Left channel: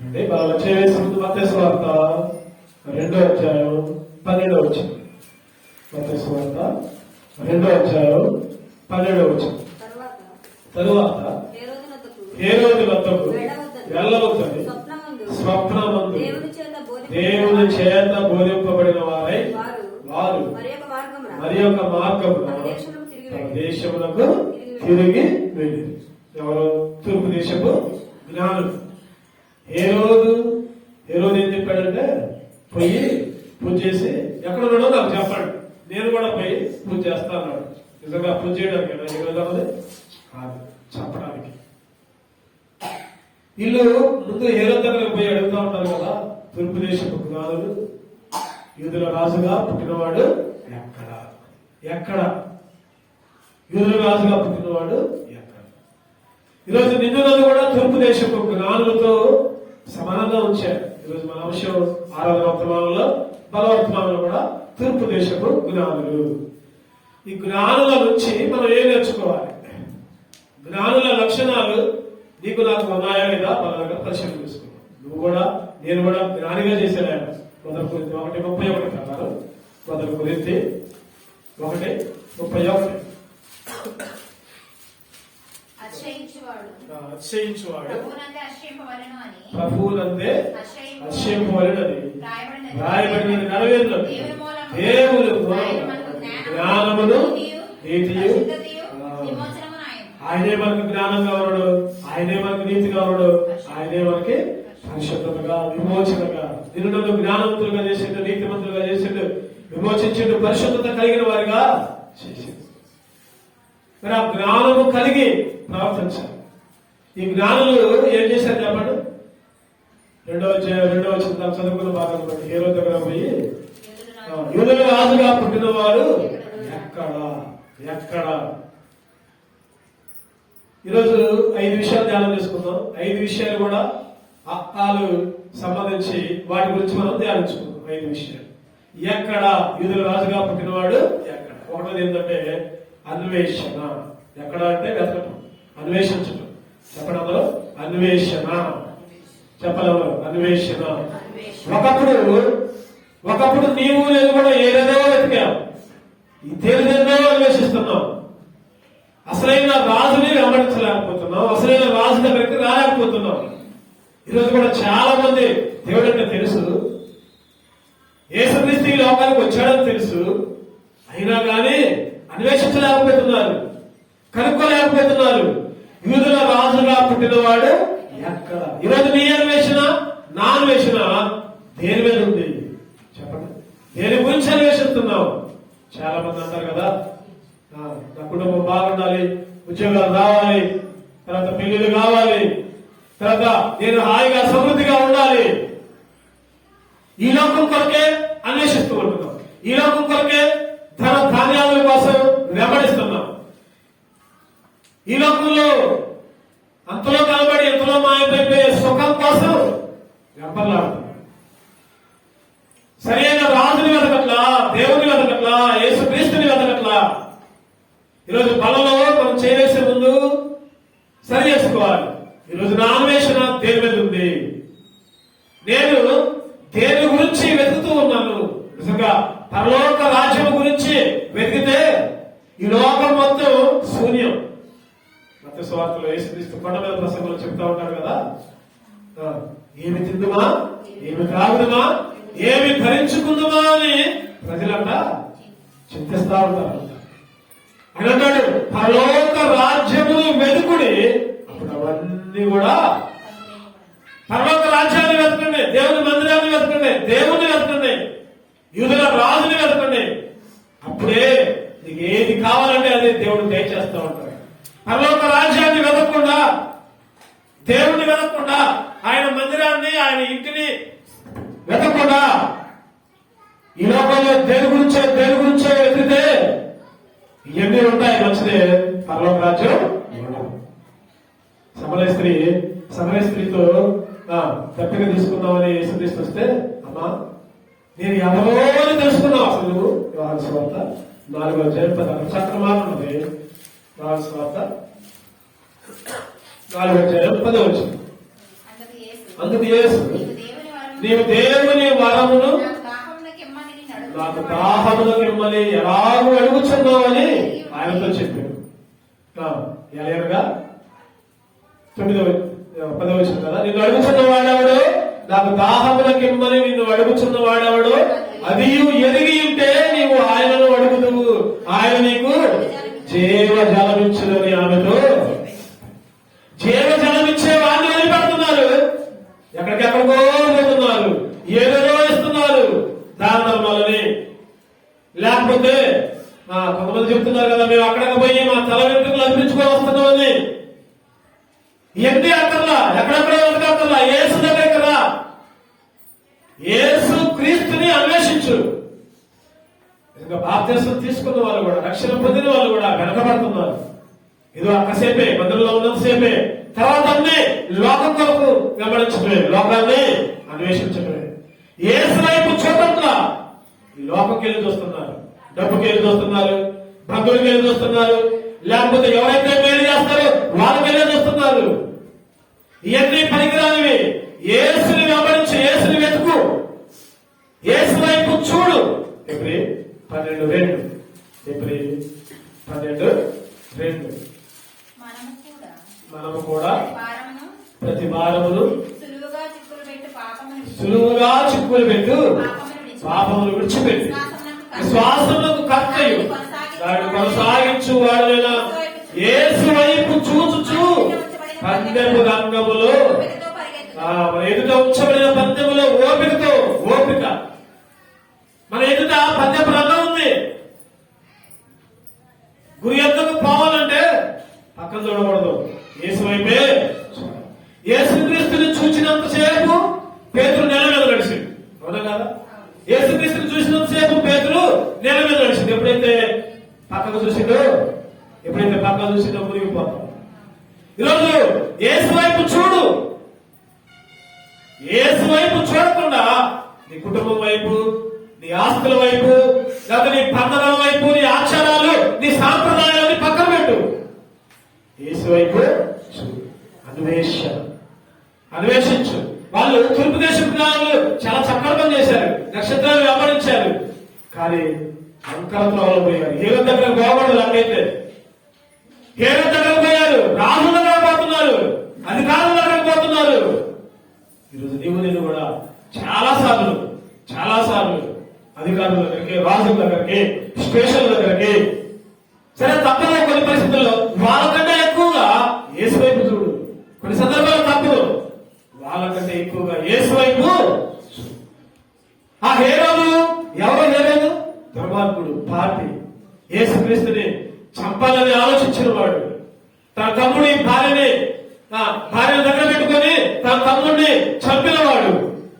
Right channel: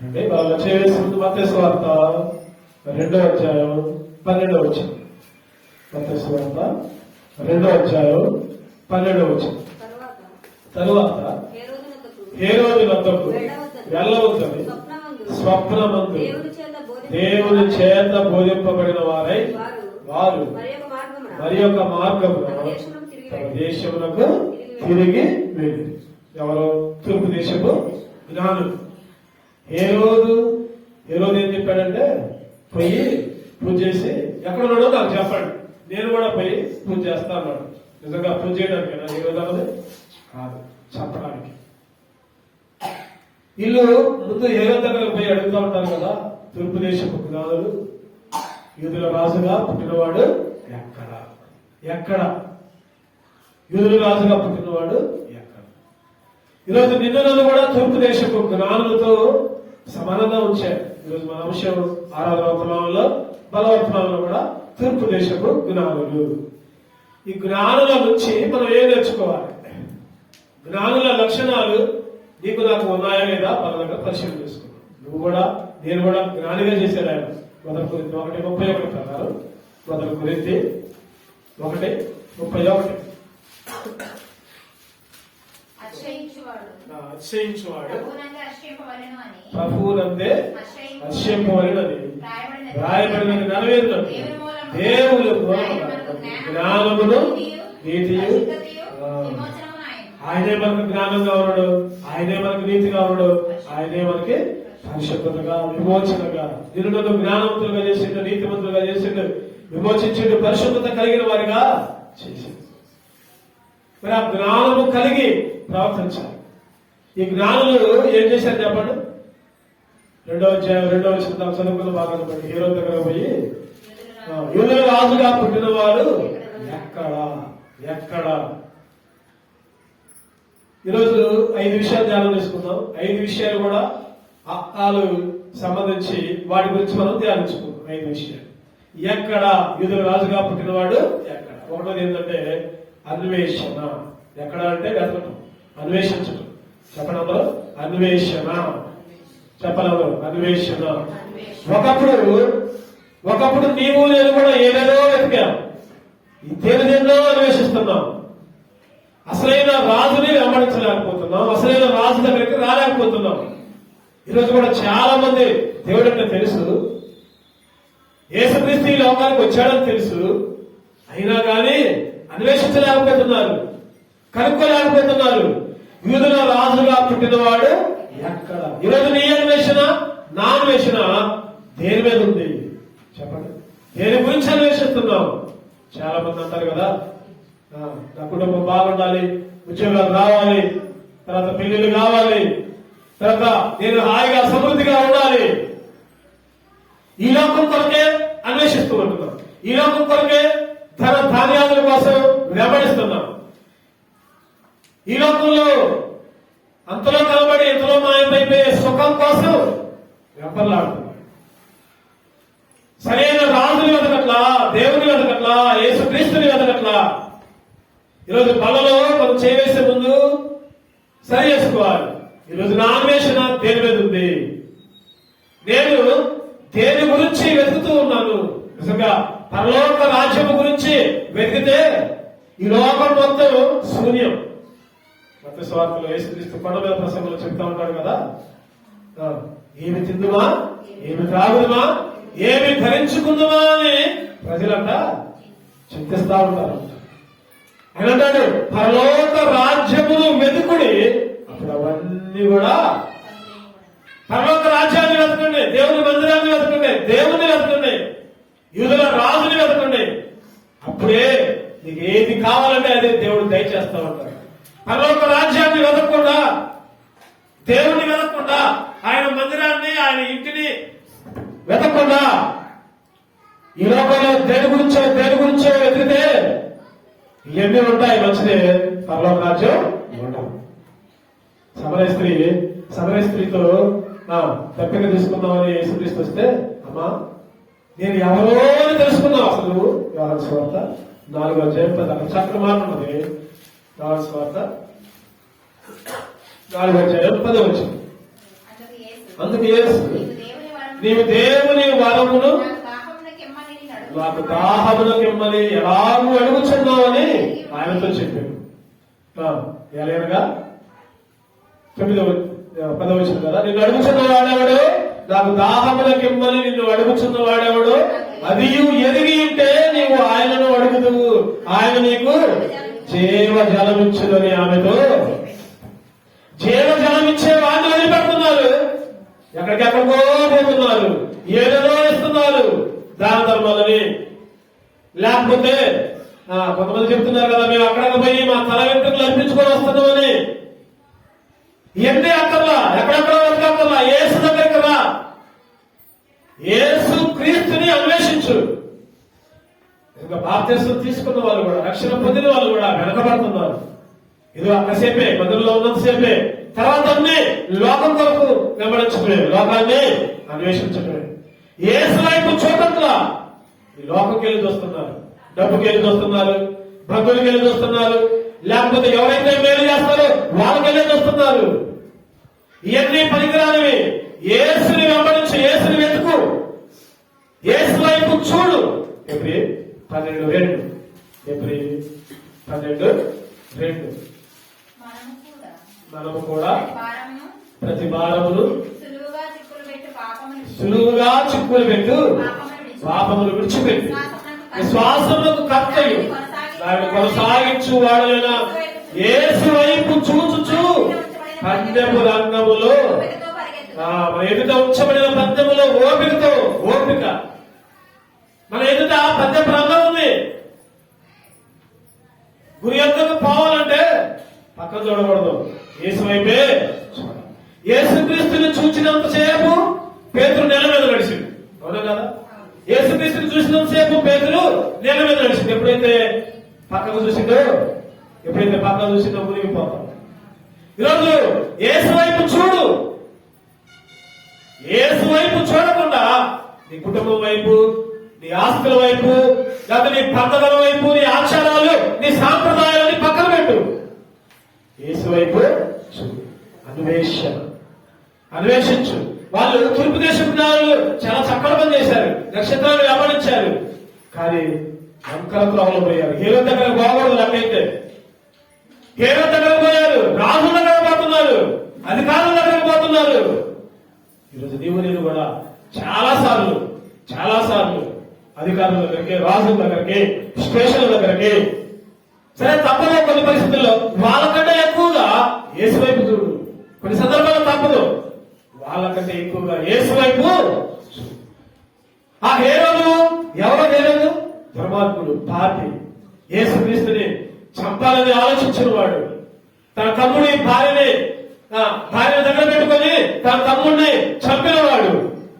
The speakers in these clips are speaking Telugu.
అంటే మత్తయి సువార్త 2వ అధ్యాయం 12వ వచనం. మత్తయి సువార్త 2వ అధ్యాయం 12వ వచనం. తరువాత హేరోదు వద్దకు వెళ్ళవద్దని స్వప్నమందు దేవుని చేత బోధింపబడిన వారై వారు మరి యొక్క మార్గమున దేశములకు తిరిగి వెళ్ళి. ఎవరు? తూర్పు దేశపు జ్ఞానులు. హేరోదు ఏం చెప్పాడంటే, పోయి పూజ చేసి ఎక్కడ ఉన్నాడో నాకు చెప్పండి, నేను కూడా పోయి పూజ చేస్తా అన్నాడు. నిజంగా పూజ చేయడానికి కాదు, చెప్పడానికి. వీళ్ళు ముందు హేరోదు దగ్గర పోయి అడుగుతూ ఉంటారు కదా, తూర్పు దేశపు జ్ఞానులు, యూదుల రాజుగా పుట్టినవాడు ఎక్కడ? ఎక్కడ యూదుల రాజుగా పుట్టినవాడు ఎక్కడ? ఈరోజు నిన్నులను కూడా తూర్పు దేశపు జ్ఞానులతో సమానంగా ఉంచారు. ఈరోజు మన అంశం 6వ వర్తమానంలో బలవర్తమానంలో కూడా తూర్పు దేశపు జ్ఞానులు. ఈ జ్ఞానుల నుంచి మనం ఏం నేర్చుకోవాలి? జ్ఞానుల లక్షణాలు నీకు నాకు ఉన్నాయా లేదా బలంగా పరిశీలన చేసుకున్నాం. నువ్వు కూడా నేను కూడా జ్ఞానిగా చేశాను. ఆయన 1 కొరింథీ 1:31 ప్రకారం 1 కొరింథీ 1:31 అతిశయించువాడు ప్రభువునందే అతిశయింపవలెనని రాయబడినది నెరవేరునది. దేవుడు జ్ఞానమును నీతియు, ఆయనే మనకు జ్ఞానంగా ఉన్నాడు, ఆయనే మనకు నీతిగా ఉన్నాడు, ఆయనే మనకి పరిశుద్ధతగా విమోచనగా నిన్ను జ్ఞానవంతులుగా చేసిండు, నీతిమంతులుగా చేసిండు, విమోచించిండు, పరిశుద్ధత కలిగిన వారిగా చేసిండు. మరి ఆ జ్ఞానము కలిగి ప్రవర్తించాలి. ఈ జ్ఞానులు ఏం చేశారు చెప్పండి? 2వ చదువుకున్న భాగం బట్టి హేరోదు దగ్గర పోయి యూదుల రాజుగా పుట్టిన వారు ఎక్కడ? ఈరోజు 5 విషయాలు ధ్యానం చేసుకుందాం. 5 విషయాలు కూడా అక్కాలు సంబంధించి వాటి గురించి మనం ధ్యానించుకుందాం. 5 విషయాలు. ఎక్కడ యూదుల రాజుగా పుట్టినవాడు ఎక్కడ? ఒకటోది ఏంటంటే అన్వేషణ. ఎక్కడ అంటే వెతకడం, అన్వేషించడం. చెప్పడంలో అన్వేషణ, చెప్పడంలో అన్వేషణ. ఒకప్పుడు నీవు నేను కూడా ఏదేదో వెతికాం, దేనిదేదో అన్వేషిస్తున్నాం. అసలైన రాజుని వెంబడించలేకపోతున్నాం, అసలైన రాజు దగ్గరికి రాలేకపోతున్నాం. ఈరోజు కూడా చాలా మంది దేవుడు అంటే తెలుసు, యేసుక్రీస్తు ఈ లోకానికి వచ్చాడని తెలుసు, అయినా కానీ అన్వేషించలేకపోతున్నారు, కనుక్కోలేకపోతున్నారు. యూదుల రాజుగా పుట్టినవాడు ఎక్కడ? ఈరోజు నీ అన్వేషణ, నా అన్వేషణ దేని మీద ఉంది చెప్పండి? దేని గురించి అన్వేషిస్తున్నావు? చాలా మంది అంటారు కదా, నా కుటుంబం బాగుండాలి, ఉద్యోగాలు రావాలి, తర్వాత పెళ్లిళ్ళు కావాలి, తర్వాత నేను హాయిగా సమృద్ధిగా ఉండాలి. ఈ లోకం కొరకే అన్వేషిస్తూ ఉంటున్నాం, ఈ లోకం కొరకే ధన ధాన్యాల కోసం వెంబడిస్తున్నాం. ఈ లోకంలో అంతలో కనబడి ఎంతలో మాయమైపోయే సుఖం కోసం వెంబడలాడుతున్నాం. సరైన రాజుని వెతకట్లా, దేవుని వెతకట్లా, యేసుక్రీస్తుని వెతకట్లా. ఈరోజు బలలో మనం చేయవేసే ముందు సరి చేసుకోవాలి. ఈరోజు నా అన్వేషణ దేని మీద ఉంది? నేను దేని గురించి వెతుకుతూ ఉన్నాను? నిజంగా పరలోక రాజ్యం గురించి వెతికితే ఈ లోకం మొత్తం శూన్యం. మత్తయి సువార్తలో యేసుక్రీస్తు కొండ మీద ప్రసంగంలో చెప్తా ఉంటాడు కదా, ఏమి తిందుమా, ఏమి త్రాగుదమా, ఏమి భరించుకుందామా అని ప్రజలంట చింతిస్తా ఉంటారు. ఆయన అన్నాడు, పరలోక రాజ్యము వెతుకుడి, అప్పుడు అవన్నీ కూడా. పరలోక రాజ్యాన్ని వెతకండి, దేవుని మందిరాన్ని వెతకండి, దేవుణ్ణి వెతకండి, యూదుల రాజుని వెతకండి. అప్పుడే నీకు ఏది కావాలంటే అదే దేవుడు దయచేస్తా ఉంటాడు. పరలోక రాజ్యాన్ని వెతకకుండా, దేవుణ్ణి వెతకకుండా, ఆయన మందిరాన్ని, ఆయన ఇంటిని వెతకకుండా ఈ లోకంలో దేని గురించో వెతికితే ఇవన్నీ ఉంటాయి. మంచిదే, పరలోక రాజ్యం ఉండవు. సమరయ స్త్రీతో తప్పిక తీసుకుందామని యేసుక్రీస్తు వస్తే, అమ్మా నేను ఎవరో అని తెలుసుకున్నావు. అసలు నువ్వు యోహాను సువార్త 4వ అధ్యాయం చక్కగా మాట్లాడుతుంది. యోహాను సువార్త 4వ అధ్యాయం 10వ వచనం. అందుకు యేసు నీవు దేవుని వరమును నాకు దాహమునకు ఇమ్మని ఎలాగూ అడుగుచున్నావని ఆయనతో చెప్పాడు. ఎలాగనగా 9వ 10వ వచనం కదా, నిన్ను అడుగుచున్న వాడెవడు, నాకు దాహమునకు ఇమ్మని నిన్ను అడుగుచున్న వాడెవడు, అది ఎరిగి ఉంటే నీవు ఆయనను అడుగుదువు, ఆయన నీకు జీవ జలమిచ్చుదని ఆమెతో. జీవ జలమిచ్చే వాడిని వదిలిపెడుతున్నారు, ఎక్కడికెక్కడికో పోతున్నారు, ఏదో ఇస్తున్నారు దాన ధర్మాలని. లేకపోతే కొంతమంది చెప్తున్నారు కదా, మేము అక్కడికి పోయి మా తల వెంట్రుకలు అర్పించుకొని వస్తున్నామని. ఇవన్నీ అక్కర్లా, ఎక్కడెక్కడ వెతకక్కర్లా, యేసు దగ్గరికి రా, యేసు క్రీస్తుని అన్వేషించు. ఇంకా బాప్తిసం తీసుకున్న వాళ్ళు కూడా, రక్షణ పొందిన వాళ్ళు కూడా వెనకబడుతున్నారు. ఇది అక్కసేపే, బదులులో ఉన్నంతసేపే, తర్వాత అన్ని లోకం కొరకు వెంబడించడమే, లోకాన్ని అన్వేషించడమే. యేసు వైపు చూడట్లా, ఈ లోకంకి వెళ్ళి చూస్తున్నారు, డబ్బుకి వెళ్ళి చూస్తున్నారు, బంధువులకి వెళ్ళి చూస్తున్నారు, లేకపోతే ఎవరైతే మేలు చేస్తారో వాళ్ళకి వెళ్ళి చూస్తున్నారు. ఇవన్నీ పనికిరానివి. యేసుని వెంబడించి, యేసుని వెతుకు, యేసు వైపు చూడు. ఎప్పుడు 12:2, ఎప్పుడు 12:2. మనము కూడా ప్రతి వారమును సులువుగా చిక్కులు పెట్టు పాపములు విడిచిపెట్టు, విశ్వాసములకు కర్తయు దాన్ని కొనసాగించు వాడైనా యేసు వైపు చూచుచు పందెము రంగములో ఎదుట ఉంచబడిన పందెములో ఓపిక మన ఎదుట పందెపు రంగం ఉంది. గురి ఎందుకు పోవాలంటే పక్కన చూడకూడదు, యేసు వైపే చూడాలి. యేసుక్రీస్తుని చూచినంతసేపు పేతురు నేల మీద నడిచింది, అవునా కదా? యేసుక్రీస్తుని చూసినంతసేపు పేతురు నేల మీద నడిచింది. ఎప్పుడైతే పక్కకు చూసిండో మునిగిపోతాం. ఈరోజు యేసు వైపు చూడు. యేసు వైపు చూడకుండా నీ కుటుంబం వైపు, నీ ఆస్తుల వైపు, లేదా నీ పండగల వైపు, నీ ఆచారాలు, నీ సాంప్రదాయాలని పక్కన పెట్టు. యేసు వైపు చూడు, అన్వేషించు. వాళ్ళు తూర్పు దేశం నాయకులు చాలా చక్కగా పని చేశారు, నక్షత్రాలు వెంబడించారు, కానీ అంకరత్వాలు పోయారు. హీరో దగ్గర పోకూడదు. నాకైతే హీరో దగ్గర పోయారు, రాజుల దగ్గర పోతున్నారు, అధికారుల దగ్గరకు పోతున్నారు. ఈరోజు నీవు నేను కూడా చాలా సార్లు అధికారుల దగ్గరికి, రాజుల దగ్గరికి, స్టేషన్ల దగ్గరికి, సరే తప్పదు కొన్ని పరిస్థితుల్లో, వాళ్ళకంటే ఎక్కువగా యేసు వైపు చూడు. కొన్ని సందర్భాలు తప్పదు, వాళ్ళకంటే ఎక్కువగా యేసు వైపు. ఆ హేరోదు ఎవరో హేరోదు ధర్మాత్ముడు, పాపి, యేసుక్రీస్తుని చంపాలని ఆలోచించిన వాడు, తన తమ్ముడి భార్యని దగ్గర పెట్టుకొని తన తమ్ముడిని చంపిన వాడు,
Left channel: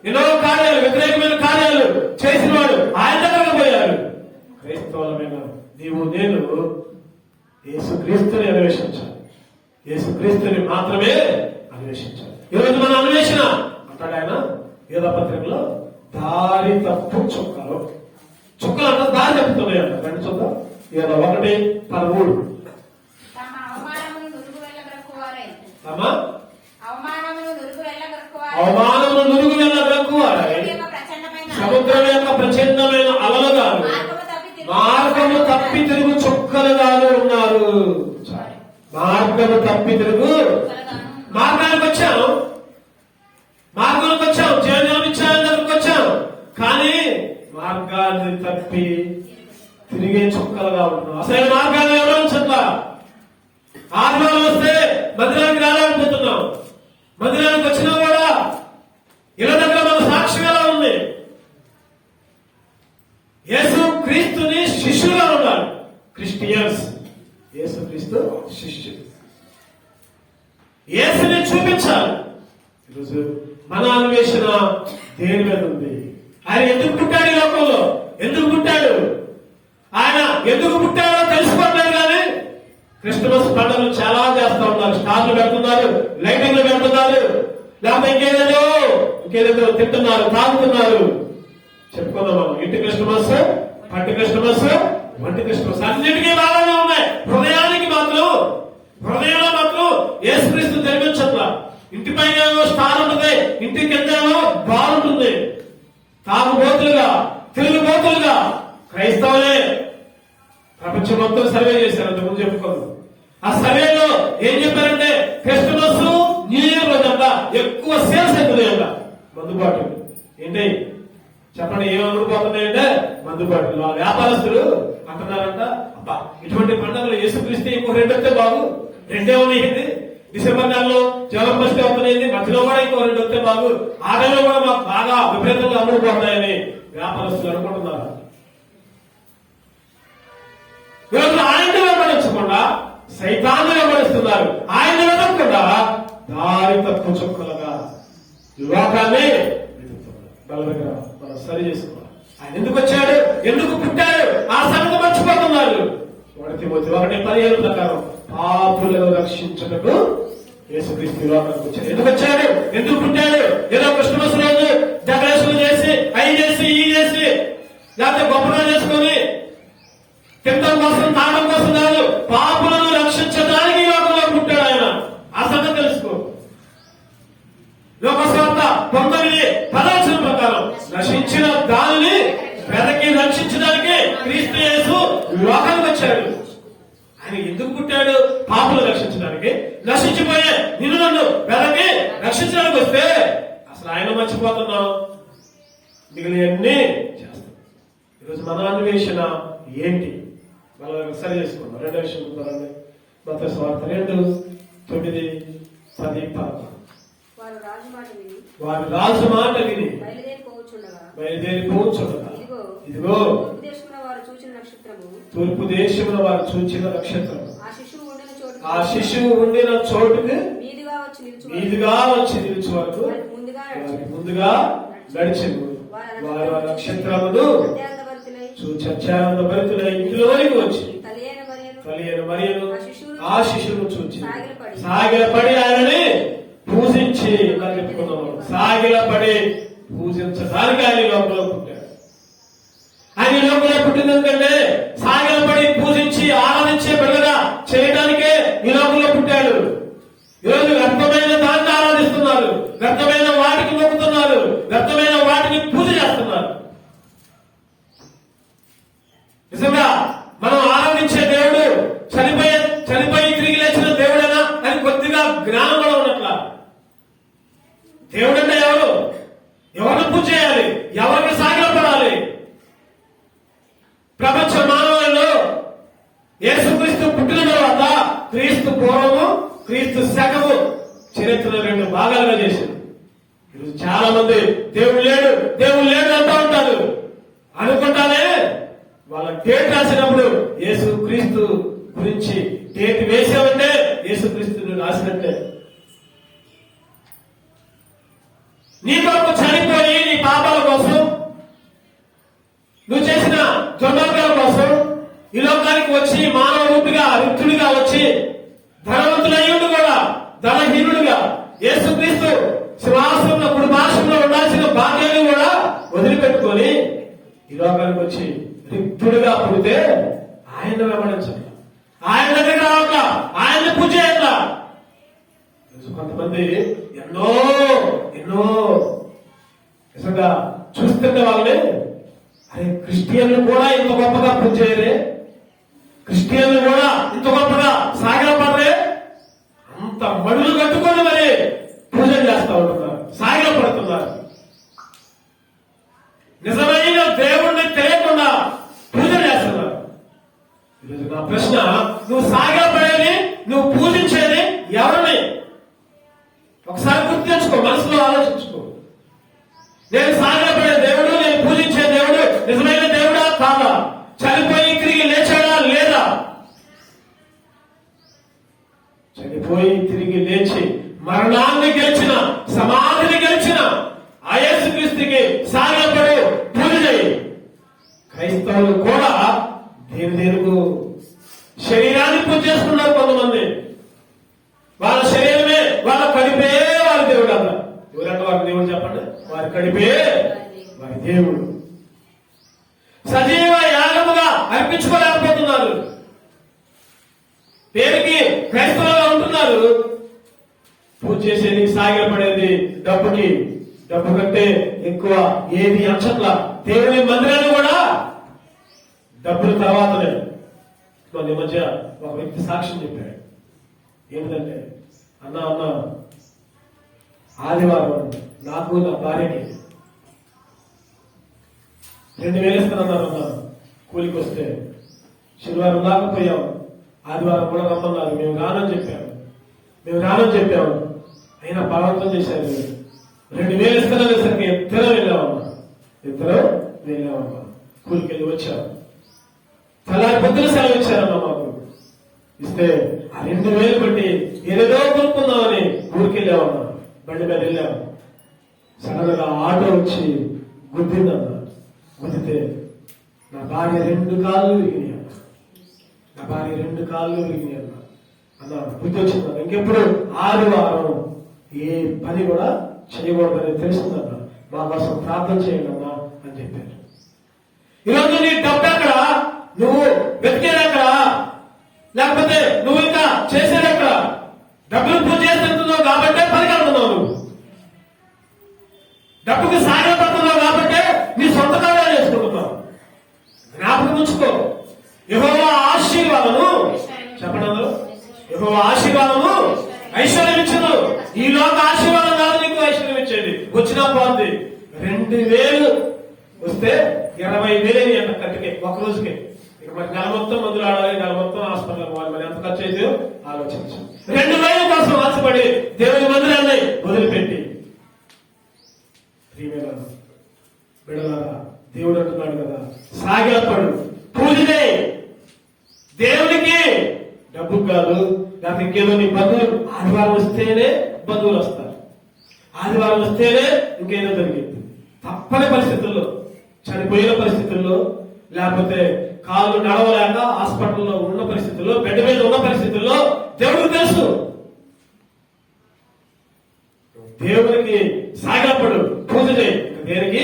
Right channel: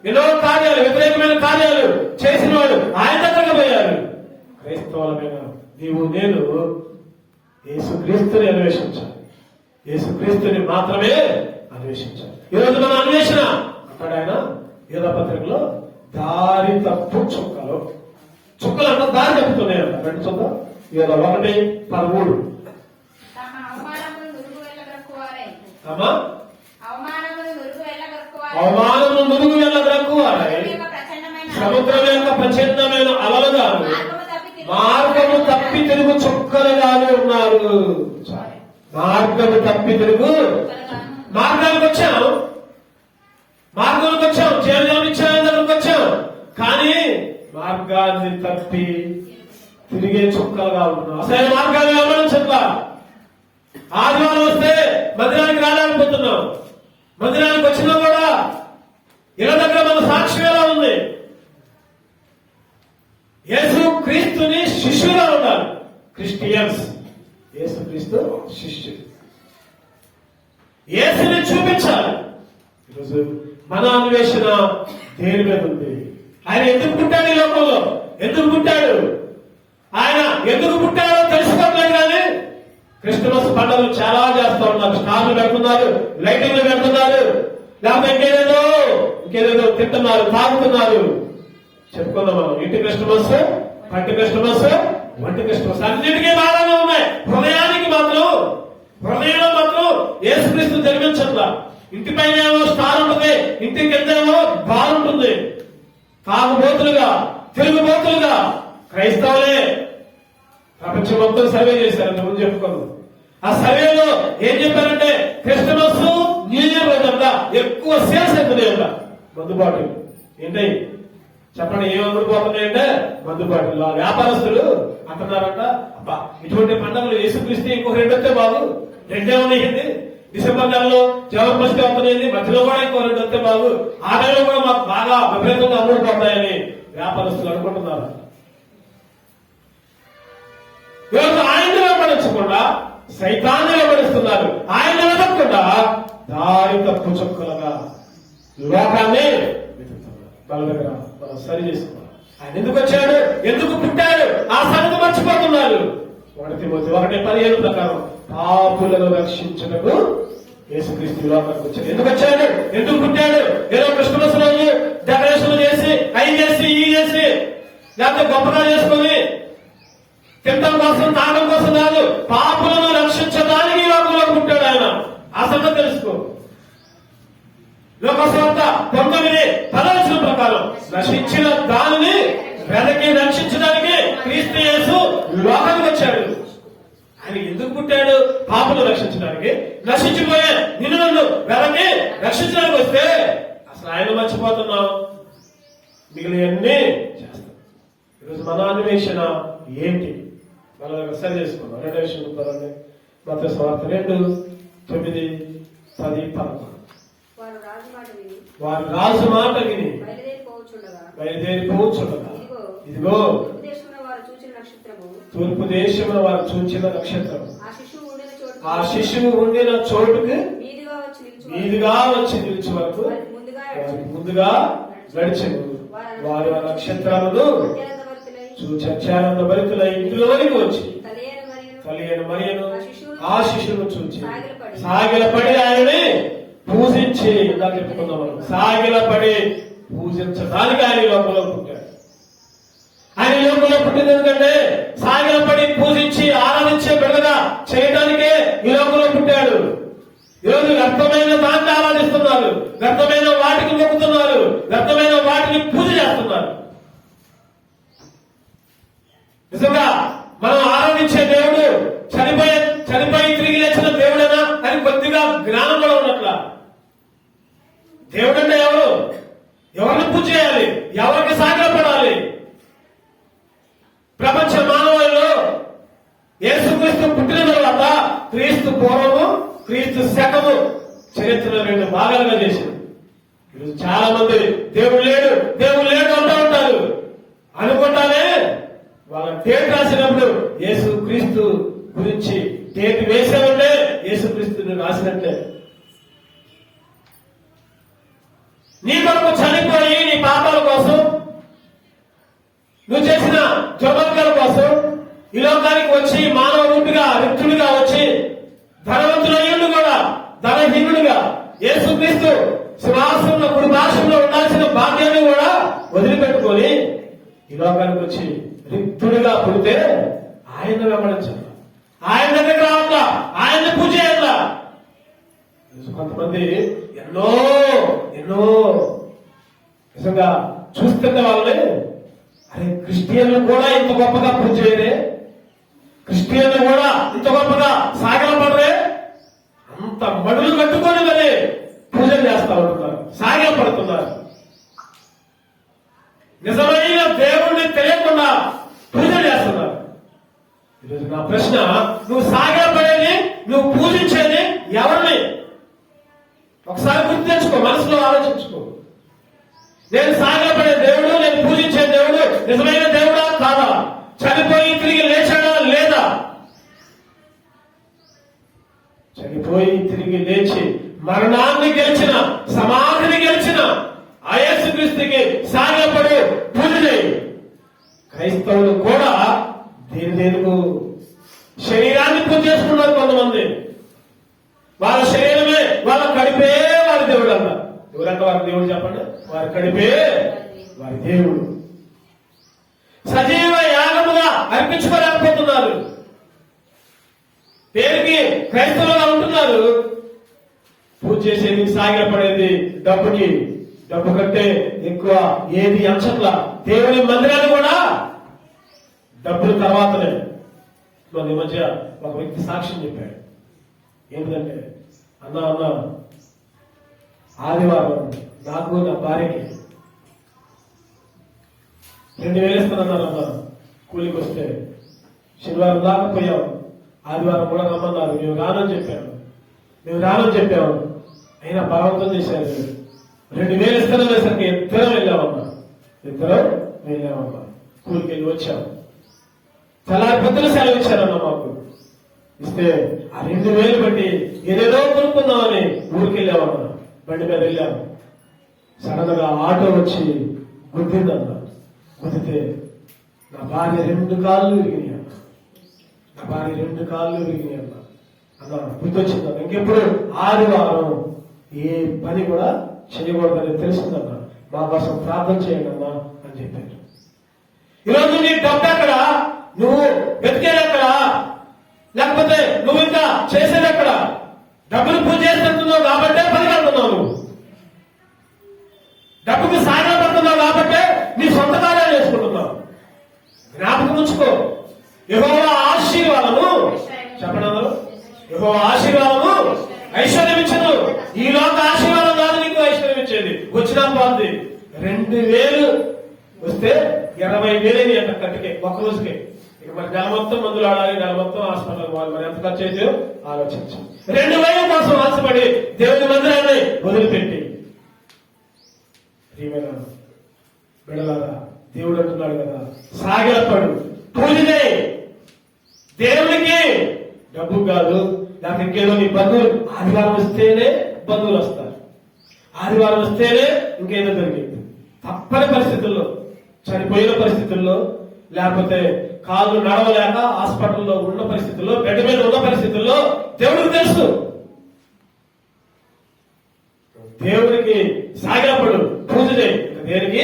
ఎన్నో కార్యాలు, వ్యతిరేకమైన కార్యాలు చేసిన వాడు ఆయన దగ్గరకు పోయాడు. క్రైస్తవులమైన నీవు నేను యేసుక్రీస్తుని అన్వేషించాలి, యేసుక్రీస్తుని మాత్రమే అన్వేషించాలి. ఈరోజు మన అన్వేషణ అంటాడు ఆయన యోధ పత్రికలో, దారి తప్పు చుక్కలు అంటే దారి తప్పుతున్నాయి. 2 చుక్కలు 1:13. అవమానము నురుగు వెళ్ళగక్కువారై సముద్రం యొక్క ప్రచండమైన అలలుగా మార్గము తప్పి తిరుగు చుక్కలుగానే ఉన్నారు. మార్గము తప్పి తిరుగు మార్గానికి వచ్చాం, జీవనానికి వచ్చాం, కానీ మార్గాన్ని తప్పి తిరిగే చుక్కలుగా ఉంటున్నాం. అసలు మార్గాన్ని ఎవరు చెప్తా, ఆదివారం వస్తే మందిరానికి రాలేకపోతున్నాం, మందిరానికి వచ్చినా కూడా ఇలా దగ్గర మన సాక్ష్యం ఎలా ఉంది? యేసు క్రీస్తుని శిష్యులుగా ఉన్నారు, క్రిస్టియన్స్. యేసు క్రీస్తు శిష్యులు, యేసుని చూపించాలి. ఈరోజు మన అన్వేషణ దేని మీద ఉంది? ఆయన ఎందుకు పుట్టాడు ఈ లోకంలో? ఎందుకు పుట్టాడు? ఆయన ఎందుకు పుట్టాడో తెలుసుకోవట్లేదు. కానీ క్రిస్టమస్ పండుగలు చాలా చేస్తూ ఉన్నారు, స్టార్లు పెడుతున్నారు, లైటింగ్లు పెడుతున్నారు, లేకపోతే ఇంకేదేదో తింటున్నారు, తాగుతున్నారు. చెప్పుకుందాం మనం, ఇంటి క్రిస్టమస్, పంటి క్రిస్టమస్, వంటి క్రిస్టమస్ అన్నిటికీ బాగానే ఉన్నాయి. హృదయంలో మాత్రం యేసుక్రీస్తు జరిగిన ఉంటుందా? ఇంటి పైన ఏమో స్టార్ ఉంటుంది, ఇంటి కింద ఏమో బాల్ ఉంటుంది. తాగుబోతులుగా, తిరుగుబోతులుగా క్రైస్తవులే ప్రపంచం మొత్తం సర్వే చేశారు. ముందు చెప్పుకోదు. ఆ సర్వేలో ఏం చెప్పారంటే క్రిస్టమస్ న్యూ ఇయర్ రోజంతా ఎక్కువ సేల్స్ అవుతుంది కదా మందుబాటు. ఏంటి చెప్పండి, ఏం అమ్ముడుపోతున్నాయంటే మందుబాటు. వ్యాపారస్తులు అంటున్నారంట, అబ్బా ఇటువంటి పండుగలు యేసుక్రీస్తు ఇంకో 2 వస్తే బాగు, 2 ఉన్నాయండి. డిసెంబర్ నెలలో జనవరి 1 అవుతున్నాయండి, మధ్యలో కూడా ఇంకో 2 వస్తే బాగు, ఆ నెలలో కూడా మాకు బాగా విపరీతంగా అమ్ముడుపోతాయని వ్యాపారస్తులు అనుకుంటున్నారు. ఈరోజు ఆయన్ని వెంబడించకుండా సైతాన్ని వెంబడిస్తున్నారు. ఆయన్ని వెతకకుండా దారి తప్పు చొక్కులుగా లోకాన్ని సరి చేసుకున్నారు. ఆయన ఎందుకు వచ్చాడు, ఎందుకు పుట్టాడు, ఆ సంగతి మర్చిపోతున్నారు. 1:15 ప్రకారం పాపులను రక్షించటకు యేసుక్రీస్తు లోకానికి వచ్చాడు. ఎందుకు వచ్చాడు, ఎందుకు పుట్టాడు? ఏదో క్రిస్మస్ రోజు డెకరేషన్ చేసి అవి చేసి ఈ చేసి లేకపోతే గొప్పగా చేసుకుని తినడం కోసం తాగడం కోసం కాదు, పాపులను రక్షించడానికి ఈ లోకంలో పుట్టాడు ఆయన. ఆ సంగతి తెలుసుకో. లోకస్వార్త 9:10 ప్రకారం నశించిన దానిని వెతకి రక్షించడానికి క్రీస్తు యేసు లోకానికి వచ్చాడు. ఆయన ఎందుకు పుట్టాడు? పాపులను రక్షించడానికి. నశించిపోయే నిన్ను నన్ను వెతకి రక్షించడానికి వస్తే అసలు ఆయన మర్చిపోతున్నాం, మిగిలినవన్నీ చేస్తాం. ఈరోజు మన అన్వేషణ ఏంటి? మనం సరి చేసుకున్నాం. 2వ విషయం పదండి. మత్తయి సువార్త 2:9-10. వారు రాజు మాట విని బయలుదేరిపోచుండగా ఇదిగో తూర్పు దేశంలో వారు చూచిన నక్షత్రం ఆ శిశువు ఉండిన చోటుకి మీదుగా వచ్చి నిలిచి వరకు ముందుగా నడిచింది. వారు ఆ నక్షత్రమును చూచి అత్యానంద భరితులై ఇంటిలోనికి వచ్చి తల్లి అయిన మరియను ఆ శిశువును చూచి సాగిలపడి ఆయనని పూజించి, ఇలా చెప్పుకున్నాం, సాగిలపడి పూజించడానికి ఆయన లోపల పుట్టాడు. ఆయన లోపల పుట్టింది ఎందుకంటే సాగిలపడి పూజించి ఆరాధించే బిడ్డగా చేయడానికే ఈ లోపల పుట్టాడు. ఈరోజు వ్యర్థమైన దాన్ని ఆరాధిస్తున్నారు, వ్యర్థమైన వాటికి మొక్కుతున్నారు, వ్యర్థమైన వాటికి పూజ చేస్తున్నారు. నిజంగా మనం ఆరాధించే దేవుడు చనిపోయి తిరిగి లేచిన దేవుడైనా అని కొద్దిగా జ్ఞానం కూడా ఉన్నట్ల. దేవుడు అంటే ఎవరు? ఎవరిని పూజ చేయాలి, ఎవరికి సాగిలపడాలి? ప్రపంచ మానవులలో యేసుక్రీస్తు పుట్టిన తర్వాత క్రీస్తు పూర్వము, క్రీస్తు శకము చరిత్ర 2 భాగాలుగా చేసింది. ఈరోజు చాలా మంది దేవుడు లేడు అంటూ ఉంటారు. అనుకుంటానే వాళ్ళ డేట్ రాసినప్పుడు యేసుక్రీస్తు గురించి డేట్ వేసామంటే యేసుక్రీస్తుని రాసినట్టే. నీ కొరకు చనిపోయి నీ పాపాల కోసం, నువ్వు చేసిన దుర్మార్గాల కోసం ఈ లోకానికి వచ్చి మానవ రూపిగా రిక్తుడిగా వచ్చి ధనవంతులయ్యుండి కూడా ధనహీనుడుగా యేసుక్రీస్తు శ్వాసంలో భాషంలో ఉండాల్సిన బాధ్యతను కూడా వదిలిపెట్టుకొని ఈ లోకానికి వచ్చి రిక్తుడిగా పుడితే ఆయన వెంబడించాలి, ఆయన దగ్గర రావాల, ఆయన పూజ చేయాల. కొంతమంది ఎన్నో నిజంగా చూస్తుంటే వాళ్ళని, అరే క్రిస్టియన్లు కూడా ఇంత గొప్పగా పూజ చేయరే, క్రిస్టియన్లు కూడా ఇంత గొప్పగా సాగిలపడరే, అంత మడులు కట్టుకొని మరి పూజలు చేస్తా ఉంటున్నారు, సాగిలపడుతున్నారు. నిజమైన దేవుణ్ణి తెలియకుండా పూజలు చేస్తున్నారు. ఈరోజు నా ప్రశ్న, నువ్వు సాగిలపడేది, నువ్వు పూజించేది ఎవరిని? ఒకసారి గుర్తు తెచ్చుకో, మనసులో ఆలోచించుకో. నేను సాగిలపడే దేవుడు, నేను పూజించే దేవుడు నిజమైన దేవుడా కాదా? చనిపోయి తిరిగి లేచాడా లేదా? చనిపోయి తిరిగి లేచి మరణాన్ని గెలిచిన, సమాధిని గెలిచిన ఆ యేసుక్రీస్తుకి సాగిలపడు, పూజ చేయి. క్రైస్తవులు కూడా దేవుడు శరీరాన్ని పూజ చేసుకున్నారు. కొంతమంది వాళ్ళ శరీరమే, వాళ్ళ కడిపే వారి దేవుడు అన్న. ఎవరంటే వారి దేవుడు చెప్పండి? వారి కడిపే వారి దేవుడు. సజీవ యాగముగా అర్పించుకోలేకపోతున్నారు. పేరుకి క్రైస్తవులుగా ఉంటున్నారు, పూజ చేసేది సాగిలపడేది డబ్బుకి. డబ్బు కంటే ఎక్కువ ఏది అంచట్ల. దేవుని మందిరాలు కూడా డబ్బుల తర్వాతనే. ఈ మధ్య ఒక వ్యక్తి సాక్ష్యం చెప్పాడు. ఏంటంటే, అన్నా ఆదివారం నాకు నా భార్యకి 2000 ఇస్తానన్నారు అన్న. కూలికి వస్తే శనివారం దాకా పోయాం. ఆదివారం కూడా రమ్మన్నారు. మేము రానని చెప్పాను. అయినా భావంతో చేశారు. 2000 ఇస్తాననేసరికి ఇద్దరం వెళ్ళామమ్మా. కూలికి వెళ్ళి వచ్చాము. తెల్లారి పెద్దలు సెలవు ఇచ్చారమ్మా మాకు. ఇస్తే ఆ 2000 పెట్టి ఏదేదో కొనుక్కుందామని ఊరికి వెళ్ళామన్నా. బండి మీద వెళ్ళాము. సడన్ గా ఆటో వచ్చి గుద్దిందన్నా. గుద్దితే నా భార్య 2 కాళ్ళు విరిగినాయన్న. అన్నా గుర్తొచ్చిందన్న. ఇంకెప్పుడు ఆదివారం ఏ పని కూడా చేయకూడదని తెలుసుందన్నా. మా కోసం ప్రార్థన చేయండి అన్నా అని చెప్పారు. ఈరోజు నీ డబ్బు ఎక్కడ? నువ్వు వెతికేది ఎక్కడ? లేకపోతే నువ్వు ఇంకా చేసేది ఎక్కడ? డబ్బులు పూజ చేస్తున్నావు కాబట్టే పనికెళ్తున్నావు. నువ్వు డబ్బుకి సాయం పడుతున్నావు కాబట్టే నీ సొంత కార్యాలు చేసుకుంటున్నావు. జ్ఞాపకం ఉంచుకో. యెహోవా ఆశీర్వాదము, చెప్పండి అందరూ, యెహోవా ఆశీర్వాదము ఐశ్వర్యం ఇచ్చింది. ఈ లోక ఆశీర్వాదం కాదు నీకు ఐశ్వర్యం ఇచ్చేది. వచ్చినా పోతుంది. 2000 వస్తే 20,000 అంట కట్టికే ఒక రోజుకే. ఇక మరి నెల మొత్తం మందులు ఆడాలి, నెల మొత్తం హాస్పిటల్ పోవాలి. మరి ఎంత ఖర్చు అయితే ఆలోచించి 2000 కోసం ఆశపడి దేవుని మందిరాన్ని వదిలిపెట్టి బిడలారా, దేవుడు అంటున్నాడు కదా, సాగిలపడు, పూజ చేయి దేవునికి. డబ్బు కాదు, నాకు ఇంకేదో నీ బంధువులు. ఆదివారం వస్తేనే బంధువులు వస్తారు. ఆదివారం వస్తేనే ఇంకేదో జరిగింది. తప్పని పరిస్థితుల్లో, చనిపోయిన పరిస్థితుల్లో, లేకపోతే కాళ్ళు నడవలేక హాస్పిటల్లో ఉన్న పరిస్థితుల్లో, బెడ్ మీద ఉన్న పరిస్థితుల్లో దేవుడికి తెలుసు. దేవుడికి సాగిలపడు, పూజ చేయి. దేనికి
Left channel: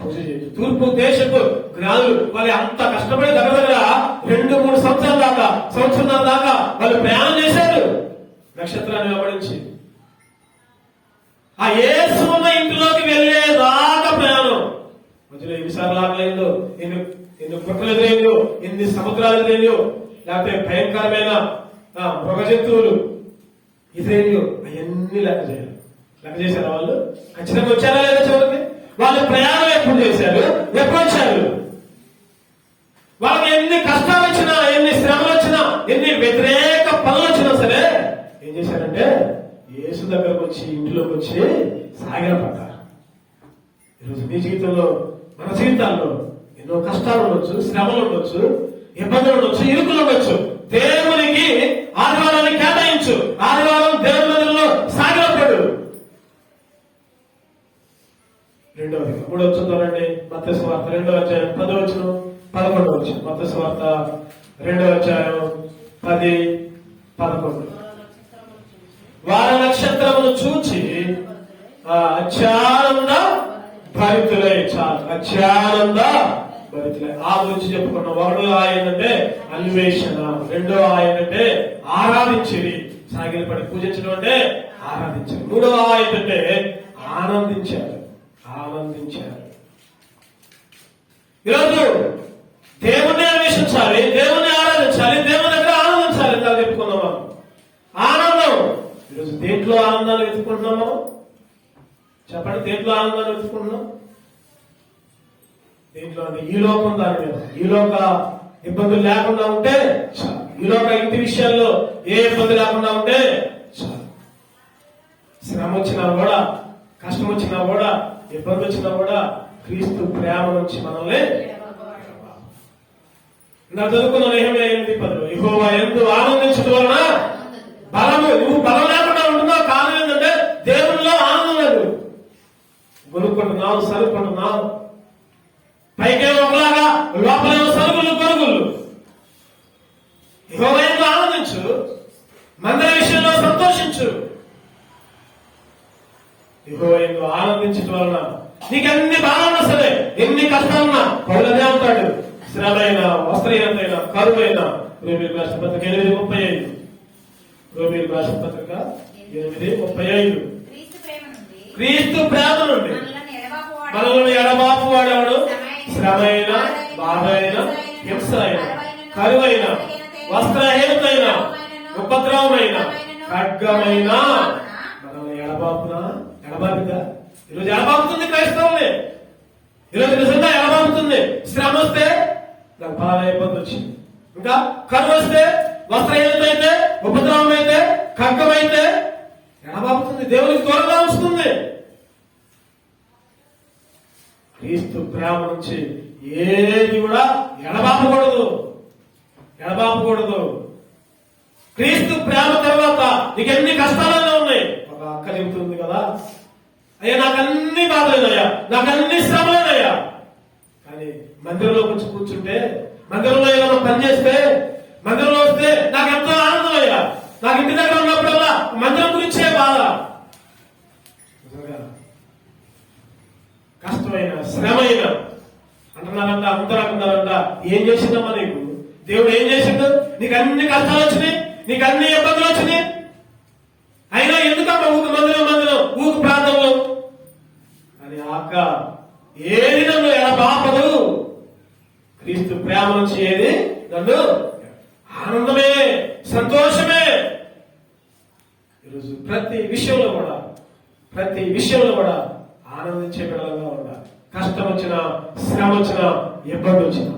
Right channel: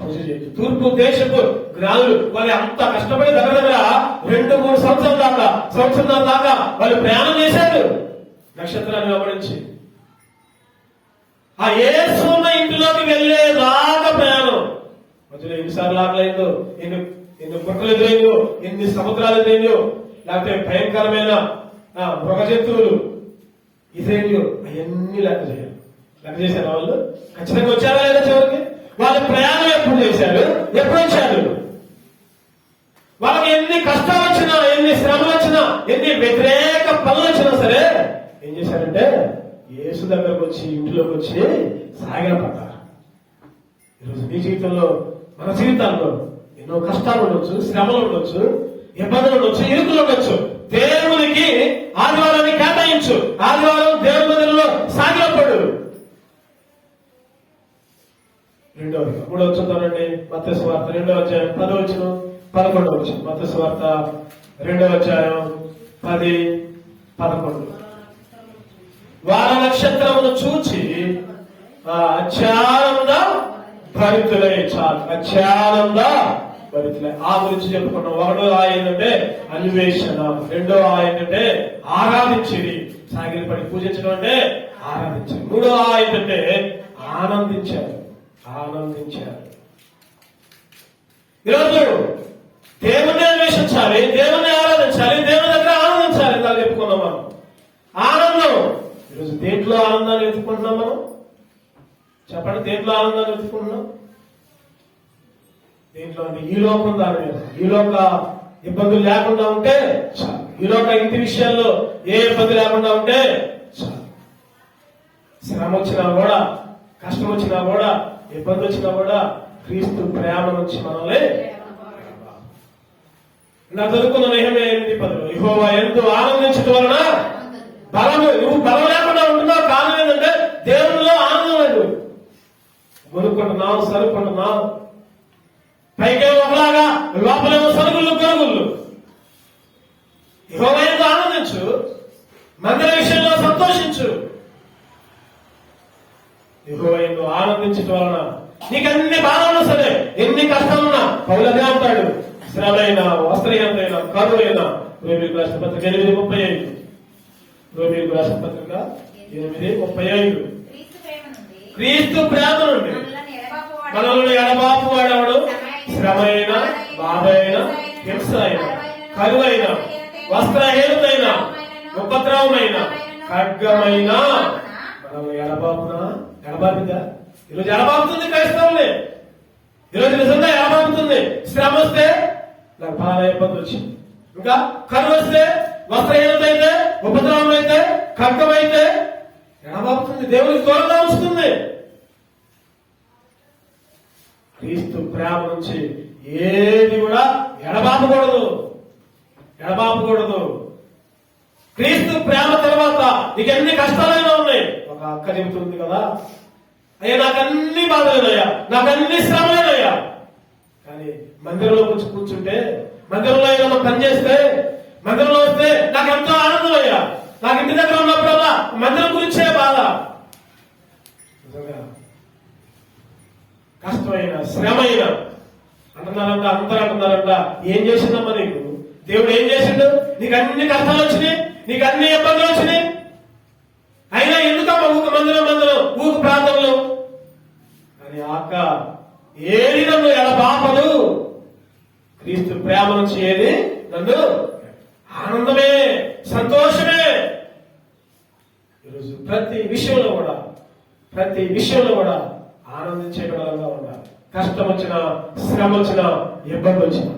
పూజ చేయదు. తూర్పు దేశపు జ్ఞానులు వాళ్ళు అంత కష్టపడి దగ్గరగా 2-3 సంవత్సరాల దాకా వాళ్ళు ప్రయాణం చేశారు నక్షత్రాన్ని వెంబడించి. ఆ యేసున్న ఇంటిలోకి వెళ్లేదాకా ప్రయాణం. మధ్యలో ఎన్నిసార్లు ఆగలేదు, ఎన్ని పుట్టలు ఎదురైందో, ఎన్ని సముద్రాలు ఎదురైందో, లేకపోతే భయంకరమైన మృగ జంతువులు ఎదురైందో, అవన్నీ లెక్క చేశారు. వాళ్ళు ఖచ్చితంగా వచ్చారా లేదా చివరికి? వాళ్ళు ప్రయాణం ఎప్పుడు చేశారు, ఎప్పుడు వచ్చారు? వాళ్ళకి ఎన్ని కష్టాలు వచ్చినా, ఎన్ని శ్రమలు వచ్చినా, ఎన్ని వ్యతిరేక పనులు వచ్చినా సరే ఏం చేశారంటే యేసు దగ్గరకు వచ్చి, ఇంటిలోకి వచ్చి సాగిలపడ్డారు. ఈరోజు మీ జీవితంలో, మన జీవితాల్లో ఎన్నో కష్టాలు ఉండొచ్చు, శ్రమలు ఉండొచ్చు, ఇబ్బందులు ఉండొచ్చు, ఇరుకులు ఉండొచ్చు. దేవునికి ఆదివారాన్ని కేటాయించు. ఆదివారం దేవుని మందిరంలో సాగిలపడు. రెండవది 3వ చూద్దామండి. మత్తయి సువార్త 2వ అధ్యాయం 10వ వచనం 11వ వచనం. మత్తయి సువార్త 2వ అధ్యాయం 10, 11. వారి నక్షత్రమును చూచి అత్యానంద భరితులై. చాలు, అత్యానంద భరితులై. ఆ గురించి చెప్పుకున్నాం. 1వ ఏంటంటే అన్వేషణ, 2వ ఏంటంటే ఆరాధించేది. సాగిలపడి పూజించడం అంటే ఆరాధించారు. 3వ ఏంటంటే ఆనందించారు. ఈరోజు దేవుణ్ణి అన్వేషించాలి, దేవుణ్ణి ఆరాధించాలి, దేవుని దగ్గర ఆనందించాలి. ఇలా చెప్పుకున్నాం మనం. ఆనందం. ఈరోజు దేంట్లో ఆనందాన్ని వెతుకుంటున్నాం మనం? చెప్పండి, దేంట్లో ఆనందాన్ని వెతుకుంటున్నాం? దేంట్లో అంటే ఈ లోకం దాని మీద. ఈ లోక ఇబ్బందులు లేకుండా ఉంటే చాలు. ఈ లోక ఇంటి విషయాల్లో ఏ ఇబ్బంది లేకుండా ఉంటే చాలు. శ్రమ వచ్చినా కూడా, కష్టం వచ్చినా కూడా, ఇబ్బంది వచ్చినా కూడా క్రీస్తు ప్రేమ నుంచి మనల్ని నా చదువుకున్న నేహమే 8:10. యెహోవా ఎందు ఆనందించడం వలన బలము. నువ్వు బలం లేకుండా ఉంటున్నావు. కారణం ఏంటంటే దేవునిలో ఆనందం లేదు. కొనుక్కుంటున్నావు, సరుకుంటున్నావు. పైకేమో ఒకలాగా, లోపలేమో సరుగులు గొరుగులు. యెహోవా ఎందు ఆనందించు. మందిర విషయంలో సంతోషించు. యెహోవా యందు ఆనందించడం వలన నీకు అన్ని బాధలు సరే, ఎన్ని కష్టాలున్నా పౌలనే ఉంటాడు. శ్రమైనా, వస్త్రహీనతైనా, కరువైనా. రోమీయులకు రాసిన పత్రిక 8:35. రోమీయులకు రాసిన పత్రిక 8:35. క్రీస్తు ప్రేమ నుండి మనల్ని ఎడబాపు వాడవడు శ్రమ అయినా, బాధ అయినా, హింస అయినా, కరువైన, వస్త్రహీనమైన, ఉపద్రవమైన, ఖడ్గమైన మనల్ని ఎడబాపుదా? ఈరోజు ఎడబాపుతుంది క్రైస్తవులే. ఈరోజు నిజంగా ఎడబాపుతుంది. శ్రమ వస్తే నాకు బాధ అయిపోతుంది వచ్చింది, ఇంకా కరువు వస్తే, వస్త్రహీనత అయితే, ఉపద్రవం అయితే, ఖడ్గం అయితే ఎడబాపుతుంది. దేవునికి దూరంగా వస్తుంది. క్రీస్తు ప్రేమ నుంచి ఏది కూడా ఎడబాపకూడదు. క్రీస్తు ప్రేమ తర్వాత నీకు ఎన్ని కష్టాలైనా ఉన్నాయి. ఒక అక్క చెబుతుంది కదా, అయ్యా నాకన్నీ బాధలేనయ్యా, నాకన్నీ శ్రమలేనయ్యా, కానీ మందిరంలో వచ్చి కూర్చుంటే, మందిరంలో ఏమైనా పని చేస్తే, మందిరంలో వస్తే నాకు ఎంతో ఆనందం అయ్యా. నాకు ఇంటి దగ్గర ఉన్నప్పుడల్లా మందిరం గురించే బాధ. కష్టమైన, శ్రమైన అంటున్నారంట. అందరూ అంటున్నారంట, ఏం చేసిందమ్మా నీకు? దేవుడు ఏం చేసిండు? నీకు అన్ని కష్టాలు వచ్చినాయి, నీకు అన్ని ఇబ్బందులు వచ్చినాయి, అయినా ఎందుకమ్మా మందిరం ఊకు ప్రాంతంలో అని అక్క ఏది నన్ను ఎడబాపదు. క్రీస్తు ప్రేమ నుంచి ఏది నన్ను ఆనందమే, సంతోషమే. ఈరోజు ప్రతి విషయంలో కూడా ఆనందించే విధంగా ఉండాలి. కష్టం వచ్చినా, శ్రమ వచ్చినా, ఇబ్బంది వచ్చినా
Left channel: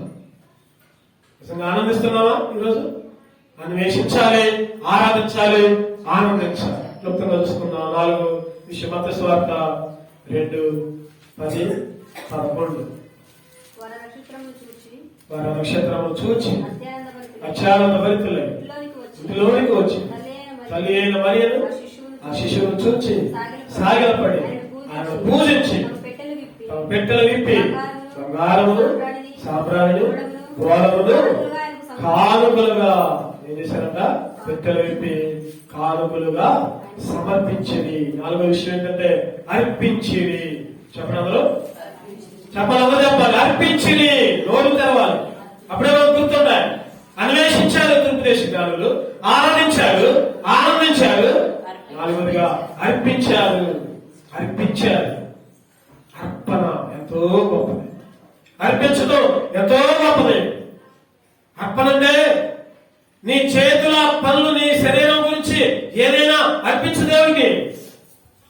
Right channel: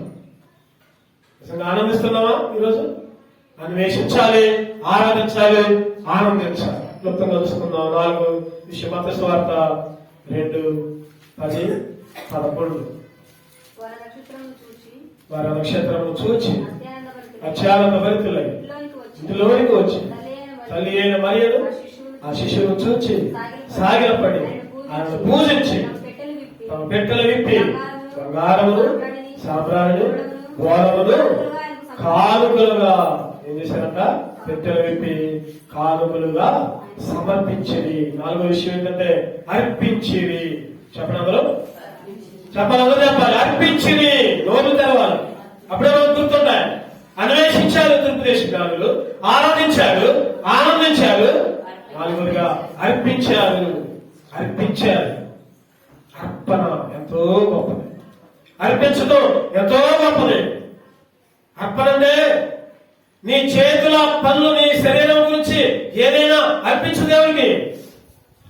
నిజంగా ఆనందిస్తున్నావా? ఈరోజు అన్వేషించాలి, ఆరాధించాలి, ఆనందించాలి. క్లుప్తంగా చూసుకుందాం. 4 విషయం. మత్తయి సువార్త 2:10-11. వారి నక్షత్రము చూచి అత్యానంద భరితులై ఇంటిలోనికి వచ్చి తల్లి అయిన మరియను ఆ శిశువును చూచి సాగిలపడి ఆయన పూజించి తమ పెట్టెలు విప్పి బంగారములు, సాంబ్రాణులు, గోడములు కానుకలుగా ఏం చేశారంట? పెట్టెలు విప్పి కానుకలుగా సమర్పించిరి. 4వ విషయం ఏంటంటే అర్పించిరి. చెప్పండి, అర్పించిరి. నోరు తెరవాలి. అప్పుడే గుర్తున్నాయి. అన్వేషించారు తెలుగుదేశాలు, ఆరాధించారు, ఆనందించారు. 4వదిగా అర్పించారు. అర్పణ ఎంతో గొప్పది. అర్పించడం ఎంతో గొప్పది. అర్పణ అంటే నీ చేతుల పనులు, నీ శరీరం గురించి ఏదైనా అర్పించు దేవుడికి.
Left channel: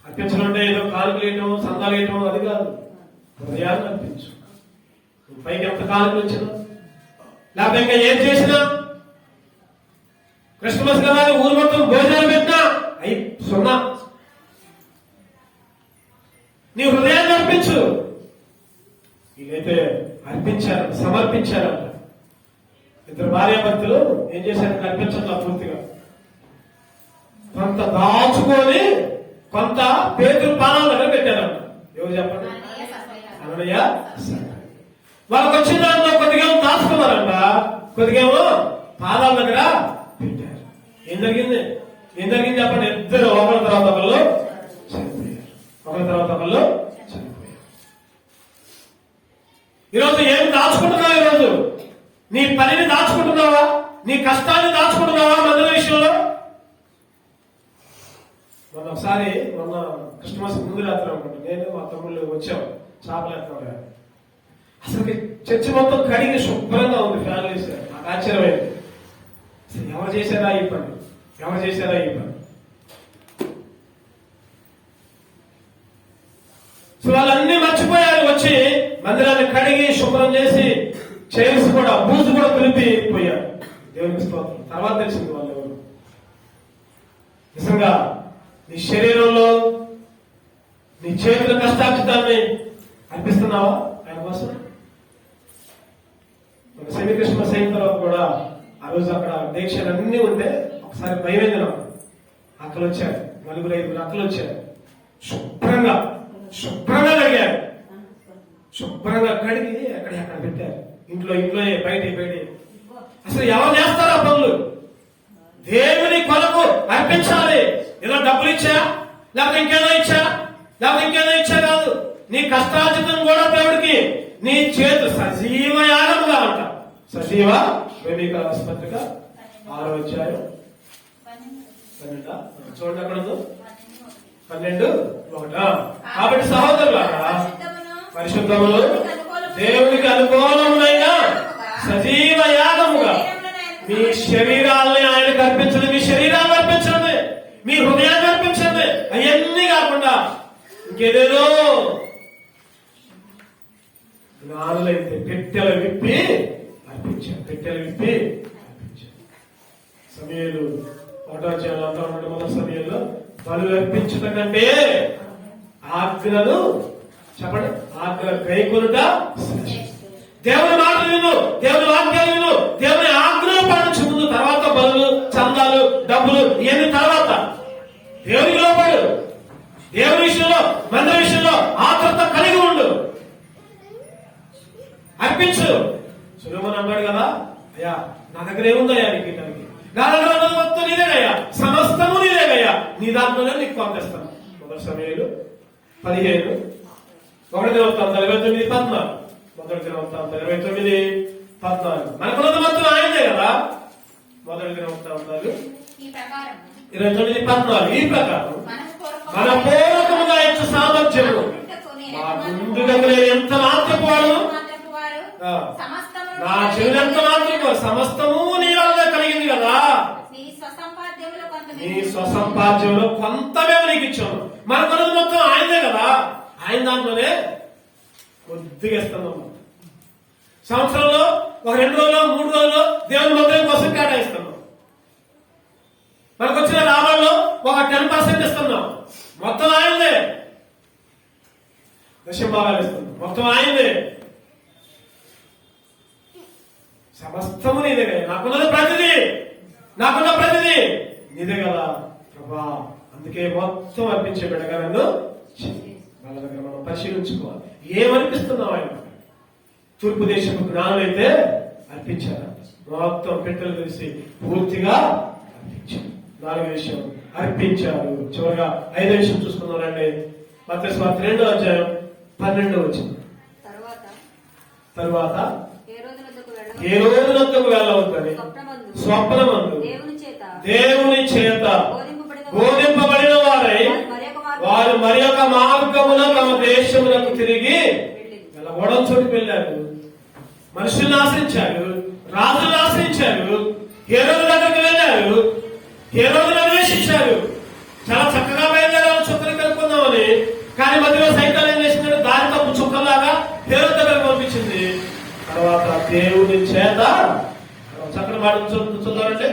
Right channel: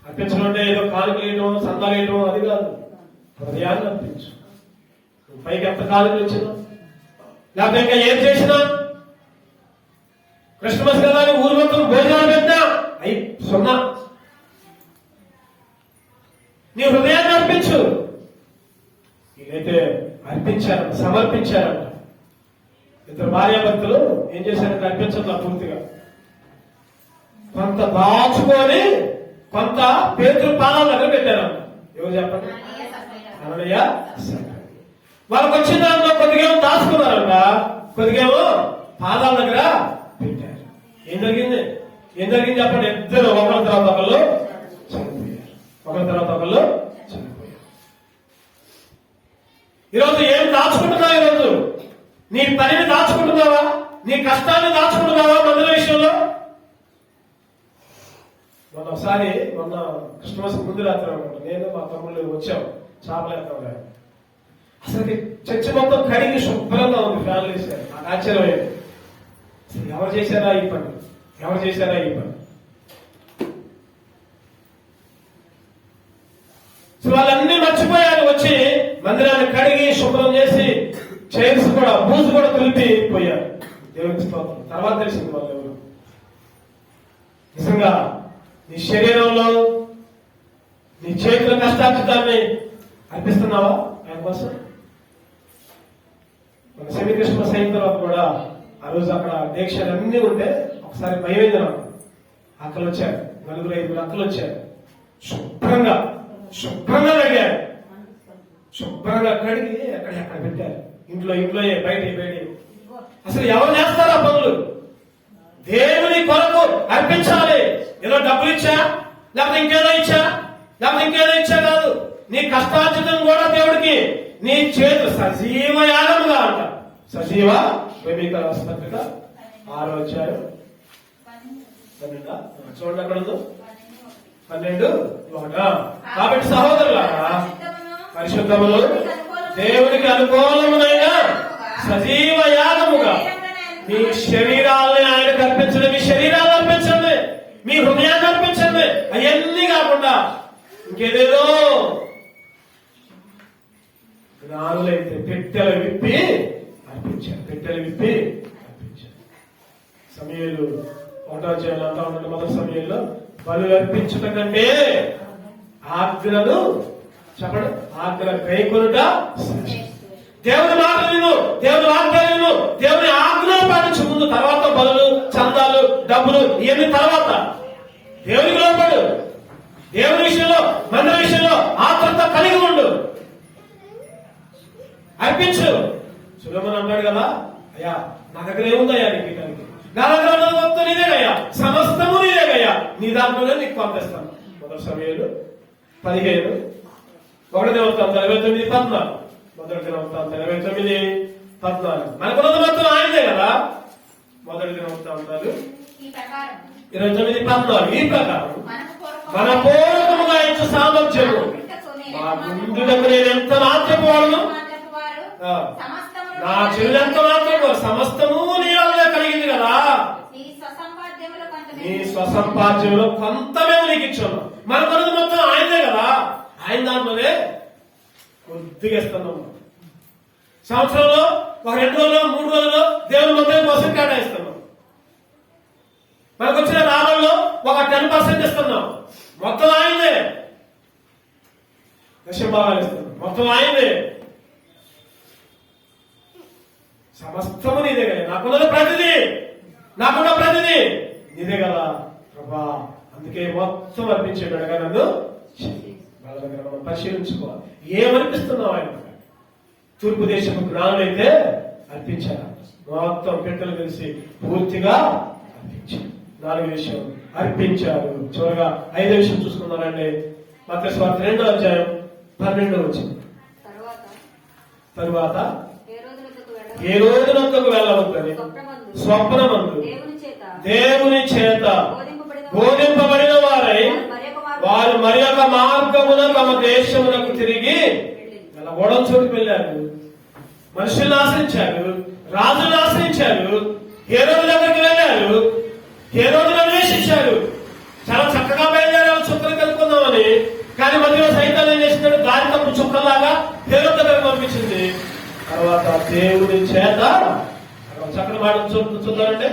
అర్పించడం అంటే ఏదో కానుకలు వేయటం, సందాలు వేయటం అది కాదు. హృదయాన్ని అర్పించు. పైకి ఎంత కానుకలు ఇచ్చినా, లేకపోతే ఇంకా ఏం చేసినా, క్రిస్మస్ కదా ఊరు మొత్తం భోజనాలు పెట్టినా అయి సున్నా. నీ హృదయాన్ని అర్పించు. వీళ్ళైతే అర్పించారు, సమర్పించారు. 2 భార్యాభర్తలు ఏం చేశారంటే అర్పించట్లా పూర్తిగా. కొంత దాచుకొని కొంత పేతురు పాదాల దగ్గర పెట్టారంట. ఎవరు చెప్పండి? అననీయ, వాళ్ళకి వచ్చిన దాంట్లో కొద్దిగా దాచుకున్నారంట, కొద్దిగా పాదాల దగ్గర పెట్టారు. ఏం జరిగింది చెప్పండి? ఇద్దరు ఒకరి తర్వాత ఒకళ్ళు చనిపోయారు. ఈరోజు ఏం దాచుకుంటున్నావా? ఈరోజు నీ పనిని దాచుకుంటున్నావా? నీ కష్టాన్ని దాచుకుంటున్నావా? మందుల విషయంలో మొన్న క్రిస్మస్ ముందు రాత్రి అనమాట, నేను మా తమ్ముళ్ళు వచ్చాము చేపలు ఎత్తాం. అసలు చర్చి మొత్తం కడిగి శుభ్రంగా ఉంది. ఫ్యాన్లు వేశారు. నాకు ఆశ్చర్యమైంది. అసలు ఎవరు చేశారా ఈ పని? సో వాళ్ళన్నీ మర్చిపోయారు. వచ్చి మందిరాన్ని కడిగి శుభ్రం చేసి చైర్స్ కూడా, బూజు కూడా కలిపి పోయారు. దేవునికి స్తోత్రం. తర్వాత తెలిసింది వాళ్ళు ఎవరు. నిజంగా నీ శరీరంలో, నీ చేతుల కష్టార్జితాన్ని అర్పిస్తున్నావా ఆయన కోసం? మన సమీకృష్ణ సైతం కూడా ఆ రోజు అక్కడ దీక్షలన్నీ ఉంటే ఒకసారి భయమైంది నాకు. అక్కలు వచ్చారు, 4-5 అక్కలు వచ్చారు. శుభ్రంగా కడిగారు. శుభ్రంగా కడిగి ఎక్కడ పెట్టారు. ఇంట్లో బయట. అసలు ఎవరు చేస్తారు ఆ పనులు? దేవుని కొరకు అర్పించాలి. ఏదో డబ్బులు ఇచ్చా, లేకపోతే ఇంకేదో ఇచ్చా కాదు. నీ కష్టార్జితం కూడా దేవుడికి నీ చేతు సజీవ యాగముగా అంట. సజీవ వేదిక పత్రిక 6వ అధ్యాయం 12 చూడండి అక్కడ 12:1. కాబట్టి సహోదరులారా, పరిశుద్ధములు దేవునికి అనుకూలమైన సజీవ యాగముగా మీ శరీరాలని ఆయనకు అర్పించండి. మీ శరీరాలు అర్పించండి, మీ హృదయాన్ని అర్పించండి. అవన్నీ కాకుండా ఇంకేదేదో జ్ఞానులైతే పెట్టెలు విప్పి అర్పించారు. సమయంలో ఆర్డర్ చేయాలంటా ఉంటే మన సమయంలో బలు అర్పించడం కంటే ఆజ్ఞను చెప్పండి, ఆజ్ఞ కైకొనుట దేవుని మాటలు విను, దేవుని వాక్యాలు విను, దేవుని ఆజ్ఞలు పాటించు ముందు. తర్వాత బలు, చందాలు, డబ్బులు ఇవన్నీ తర్వాత. దేవునికి లోపడు, దేవుని విషయంలో, మన విషయంలో ఆత్రత కలిగి ఉండు, అర్పించు. సులభం అన్నాడు కదా, అయ్యా నా దగ్గర ఏముందయ్యా నీకు, నా దగ్గర ఉన్నది మొత్తం నీదేనయ్యా, సమస్తము నీదేనయ్యా, నీ దాంట్లోనే నీకు పంపిస్తాను. మొదటి సమయంలో 15 1 దినవృత్తాంతం 29:14. మొదటి దినవృత్తాంతం 29:14. మనకున్నది మొత్తం ఆయనదే కదా. మొదటి దినవృత్తాంతాలు 29:14. ఈ ప్రకారం మన పూర్వకముగా ఇచ్చే సామర్థ్యము మా ముందుకు నేను ఎంత నాత్రపోవాలను, నా చెల్లెంత మాత్రము సమస్తము నీ వల్ల కలిగింది కదా. నీ స్వసంపాద్యంలో కొంత మేము నీకు ఇచ్చాము. మనకున్నది మొత్తం ఆయనదే కదా. ఆయన దాంట్లోనే కొద్దిగా ఇస్తున్నాం. సంవత్సరంలో ఒక 2 రోజులు 3 రోజులు దేవుని మందిరం కోసం కేటాయిస్తున్నాం. మనకు వచ్చిన లాభంలో ఒక 10% ఇస్తున్నాం. మొత్తం ఆయనదే. దశంభాగాలు ఇస్తున్నాం, మొత్తం ఆయనదే. సమస్తము నీదే కదా. నాకున్న ప్రతిదీ నీదే కదా ప్రభా. అందుకే మొత్తం అర్పించే బిడ్డగా నన్ను వాళ్ళ దగ్గర మనం పరిశీలించుకోవాలి. ఏమనిపిస్తున్నావు ఆయన? తూర్పు దేశం జ్ఞానులైతే అర్పించారు, మొత్తం పెట్టెలు తెలిసి పూర్తిగా అర్పించారు. 4వ విషయం అర్పించారు. చివరిగా 5వ విషయం చూసుకున్నారండి. మత్తయి సువార్త 2:12 తరువాత ఏ రోజునంతకు వెళ్ళవద్దని స్వప్నమందు దేవుని చేత బోధింపబడిన వారై వారు మరి ఒక మార్గమున తమ దేశములకు తిరిగి వెళ్ళడం చోటుకు వెళ్ళారు. మనుషులను ఆశ్రయించారు, రాజులను ఆశ్రయించారు, హేరోదు దగ్గరికి వెళ్ళారు, హేరోదును అన్వేషించారు. చాలా చక్కగా బయలుదేరారు చుక్కలు కలుపుకుందామని. కానీ మధ్యలో సైతాన్ని ఏం చేసినాడు? దారి తప్పు చుక్కలాగా హేరోదు దగ్గరికి పంపించింది. తర్వాత దేవుని చేత చక్కని మాట చూద్దామంటే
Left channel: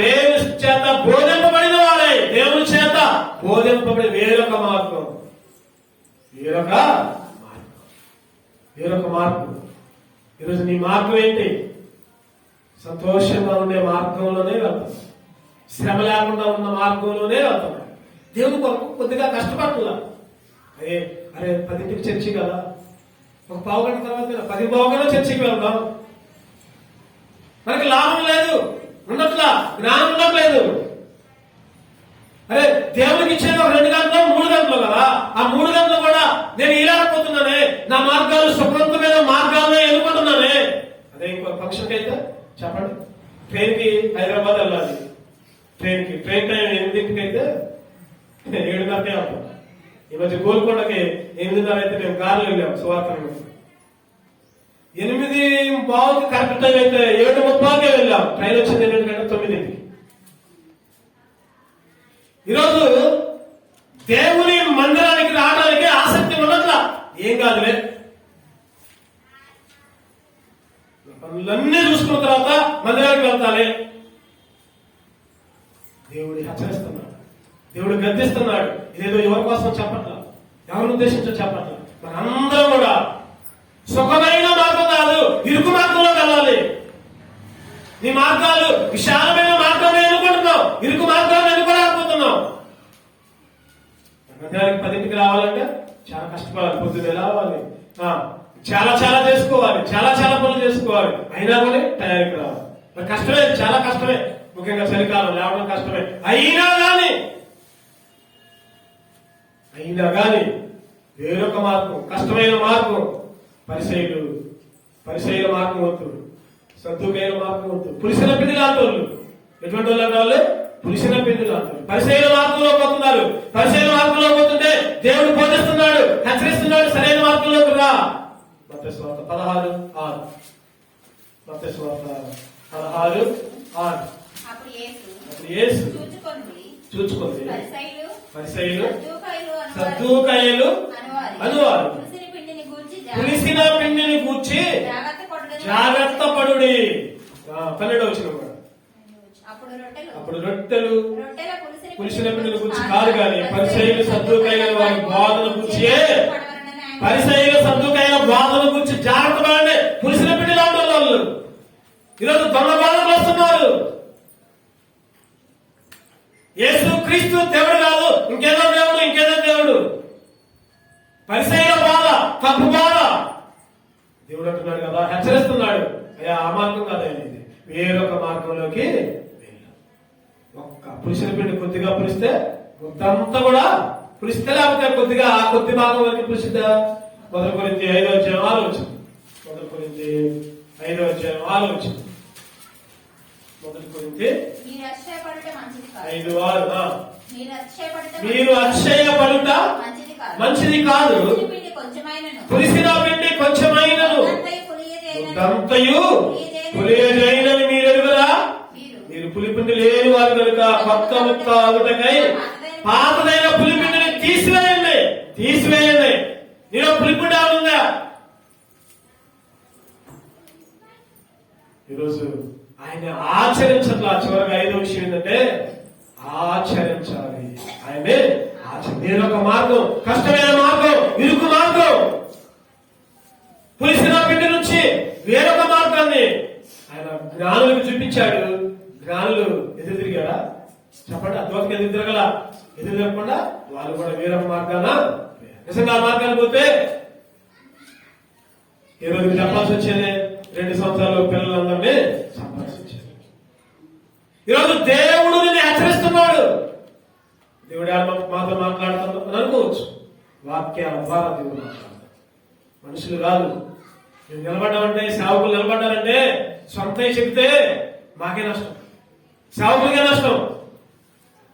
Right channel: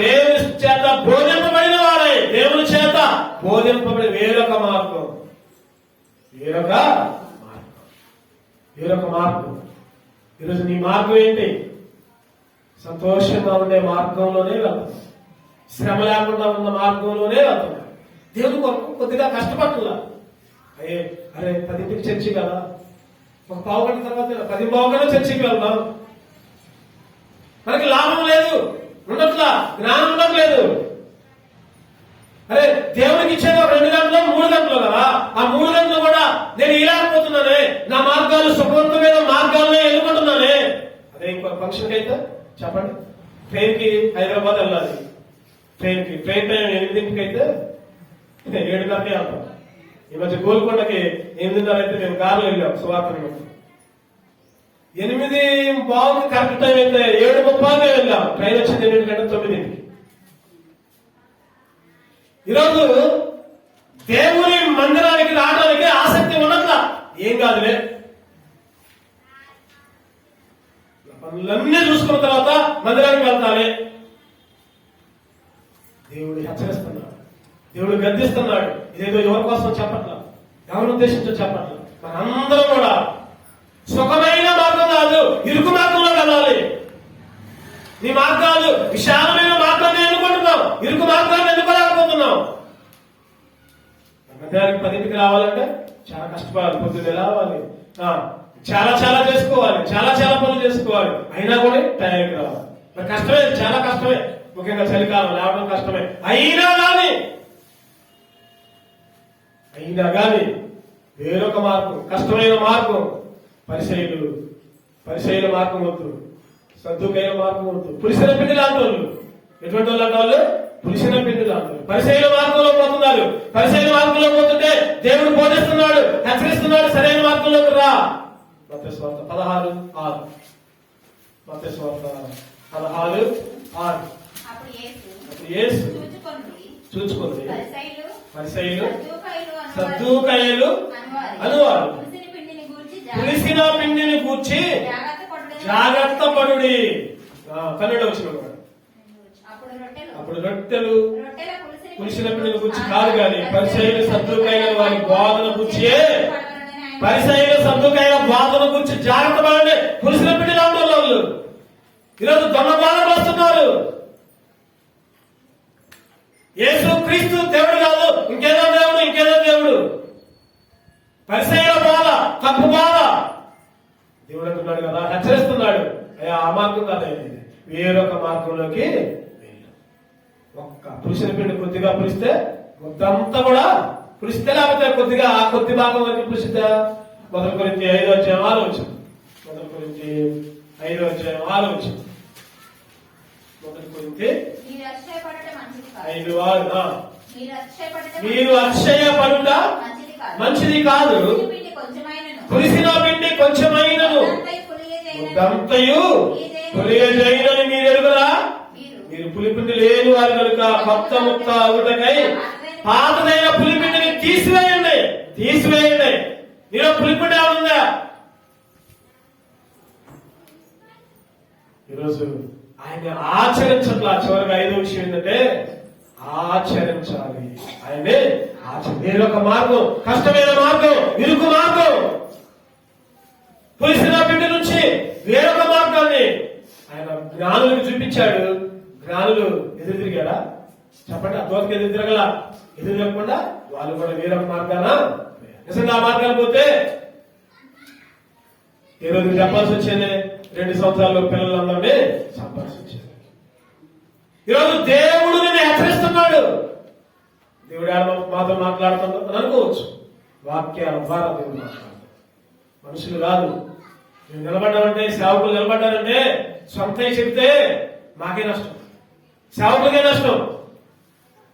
దేవుని చేత బోధింపబడిన వారై, దేవుని చేత బోధింపబడిన వేరొక మార్గం. ఈరోజు నీ మార్గం ఏంటి? సంతోషంగా ఉండే మార్గంలోనే వెళ్తాం, శ్రమ లేకుండా ఉన్న మార్గంలోనే వెళ్తాం. దేవుని కొరకు కొద్దిగా కష్టపడుతున్నా. అరే 10ంటికి చర్చి కదా, ఒక పావు గంట తర్వాత 10 పావుగంట చర్చికి వెళ్దాం. మనకి లాభం లేదు, ఉండట్లా, జ్ఞానం ఉండట్లేదు. అరే దేవునికి ఇచ్చేది 2 గంటలు 3 గంటలు కదా. ఆ 3 గంటలు కూడా నేను ఇలాకపోతున్నానే, నా మార్గాలు సుఖవంతమైన మార్గాలనే ఎన్నుకుంటున్నానే. అదే ఇంకో ఫంక్షన్కి అయితే చెప్పండి, ట్రైన్కి హైదరాబాద్ వెళ్ళాలి. ట్రైన్ టైం 8ంటికి అయితే 7 గంటలే వెళ్తాం. ఈ మధ్య గోల్కొండకి 8:30 అయితే మేము కారులో వెళ్ళాం. సువార్తను 8:15 కరెక్ట్ టైం అయితే 7:30కే వెళ్ళాం. ట్రైన్ వచ్చింది 8:09. ఈరోజు దేవుని మందిరానికి రావడానికి ఆసక్తి ఉండట్లా. ఏం కాదులే, పనులన్నీ చూసుకున్న తర్వాత మందిరానికి వెళ్తానే. దేవుడు హెచ్చరిస్తున్నాడు, దేవుడు గద్దిస్తున్నాడు. ఇదేదో ఎవరి కోసం చెప్పట్లా, ఎవరి ఉద్దేశించో చెప్పట్లా. మనందరం కూడా సుఖమైన మార్గం కాదు, ఇరుకు మార్గంలో వెళ్ళాలి. నీ మార్గాలు విశాలమైన మార్గాన్ని ఎన్నుకుంటున్నావు, ఇరుకు మార్గాన్ని ఎన్నుకోలేకపోతున్నావు. మందిరానికి 10ంటికి రావాలంటే చాలా కష్టపడాలి, పొద్దున్న రావాలి, చాలా చేసుకోవాలి, చాలా పనులు చేసుకోవాలి. అయినా కూడా టైంకి రావాలి. మరి కష్టమే, చాలా కష్టమే. ముఖ్యంగా చలికాలం లేవడం కష్టమే. అయినా కానీ వేరొక మార్గం, కష్టమైన మార్గం. పరిసైల మార్గం వద్దు, సద్దుకైన మార్గం వద్దు. పులిసిన పిండి లాంటి వాళ్ళు. ఎటువంటి వాళ్ళు? పులిసిన పిండిలు అంటారు. పరిసయ్యుల మార్గంలో పోతున్నారు. పరిసయ్యుల మార్గంలో పోతుంటే దేవుడు బోధిస్తున్నాడు, హెచ్చరిస్తున్నాడు, సరైన మార్గంలోకి రా. మత్తయి సువార్త 16:6. మత్తయి సువార్త 16:6. అప్పుడు యేసు చూచుకుంది పరిసయ్యులు సద్దూకయ్యులు అనువారు పులిసిన పిండిని గూర్చి జాగ్రత్త పడుడి. 12వ వచనం. అప్పుడు రొట్టెలు పులిసిన పిండిని గూర్చి కాదు గాని పరిసయ్యులు సద్దూకయ్యుల వారి బోధన గూర్చి, పరిసయ్యులు సద్దూకయ్యుల బోధన గూర్చి జాగ్రత్త పడండి. పులిసిన పిండి లాంటి వాళ్ళు ఈరోజు దొంగ బోధనలు వస్తున్నారు. యేసు క్రీస్తు దేవుడు కాదు, ఇంకేదో దేవుడు, ఇంకేదో దేవుడు. పరిసయ్యుల బోధ తప్పు బోధ. దేవుడు అంటున్నాడు కదా, హెచ్చరిస్తున్నాడు, అయ్యా ఆ మార్గం కాదండి, వేరొక మార్గంలోకి వెళ్ళు. ఒక్క పురుషుల పిండి కొద్దిగా పులిస్తే మొత్తంతా కూడా పులిస్తే, లేకపోతే కొద్దిగా ఆ కొద్ది భాగం వరకు పులిసిద్దా? 1 కొరింథీ 5:6 వచ్చింది. 1 కొరింథీ 5:6 వచ్చింది. 1 కొరింథీ 5:6. మీరు అతిశయపడుట మంచిది కాదు, పులిసిన పిండి కొంచెమైనను అంతయు పులియజైనని మీరు ఎరుగురా. మీరు పులిపిండి లేని వారు కనుక కొత్త ముక్త అవుటకై పాతదైన పులిపిండిని తీసివేయండి. నేను పులిపిండి అవుతుందా? ఈరోజు ఆయన ఆచరించట్లా. చివరిగా 5వ విషయం ఏంటంటే ఆచరించాలి. ఆయనే వేరొక మార్గం, కష్టమైన మార్గం, ఇరుకు మార్గం, పులిసిన పిండి నుంచి వేరొక మార్గాన్ని ఆయన జ్ఞానులకు చూపించాడు. జ్ఞానులు ఎదురు తిరిగారా? చెప్పండి. ఆ దోతకి ఎదురు తిరగల. ఎదురు తిరగకుండా వాళ్ళు కూడా వేరొక మార్గాన నిజంగా ఆ మార్గాన్ని పోతే ఈ రోజు చెప్పాల్సి వచ్చేది 2 సంవత్సరాల్లో పిల్లలందరినీ సంపాల్సి వచ్చేది. ఈరోజు దేవుడు నిన్ను హెచ్చరిస్తున్నాడు. దేవుడు మాతో మాట్లాడుతున్నాడు అనుకోవచ్చు. వాక్యాల ద్వారా దేవుడు మాట్లాడుతున్నాడు, మనుషులు కాదు. మేము నిలబడ్డామంటే, సేవకులు నిలబడ్డారంటే సొంత చెప్తే మాకే నష్టం, సేవకులకే నష్టం.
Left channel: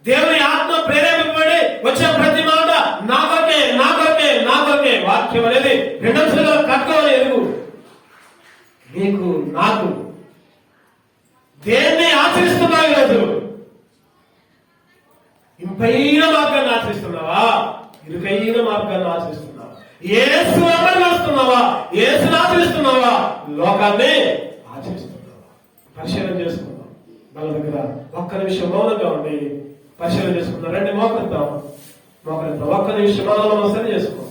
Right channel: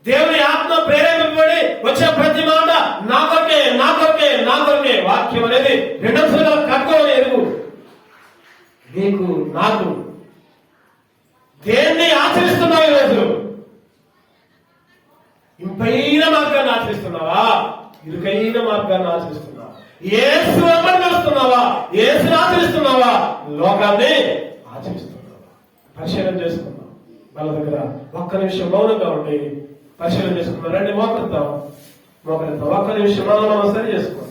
దేవుని ఆత్మ ప్రేరేపింపబడి వచ్చే ప్రతి మాట నా కొరకే, నా కొరకే, నా కొరకే. వాక్యం అనేది 2 అంశాలుగా కట్టుకోవాలి. ఎరుగు నీకు, నాకు. దేన్ని ఆచరిస్తున్నావు ఈరోజు? ఇంపైన మార్గాన్ని ఆచరిస్తున్నావా? ఇరుకైన మార్గాన్ని ఆచరిస్తున్నావా? యేసు వెంబడి నడుస్తున్నావా? యేసుని ఆచరిస్తున్నావా? లోకాన్ని ఆచరిస్తున్నావా? పరిశీలన చేసుకున్నావా? వాళ్ళ దగ్గర ఒక్క నిమిషం మౌనంగా ఉండి పరిశీలన చేసుకున్నారండి. మోకరిద్దాం. ఒక్క నిమిషం మౌనంగా పరిశీలన చేసుకున్నాం.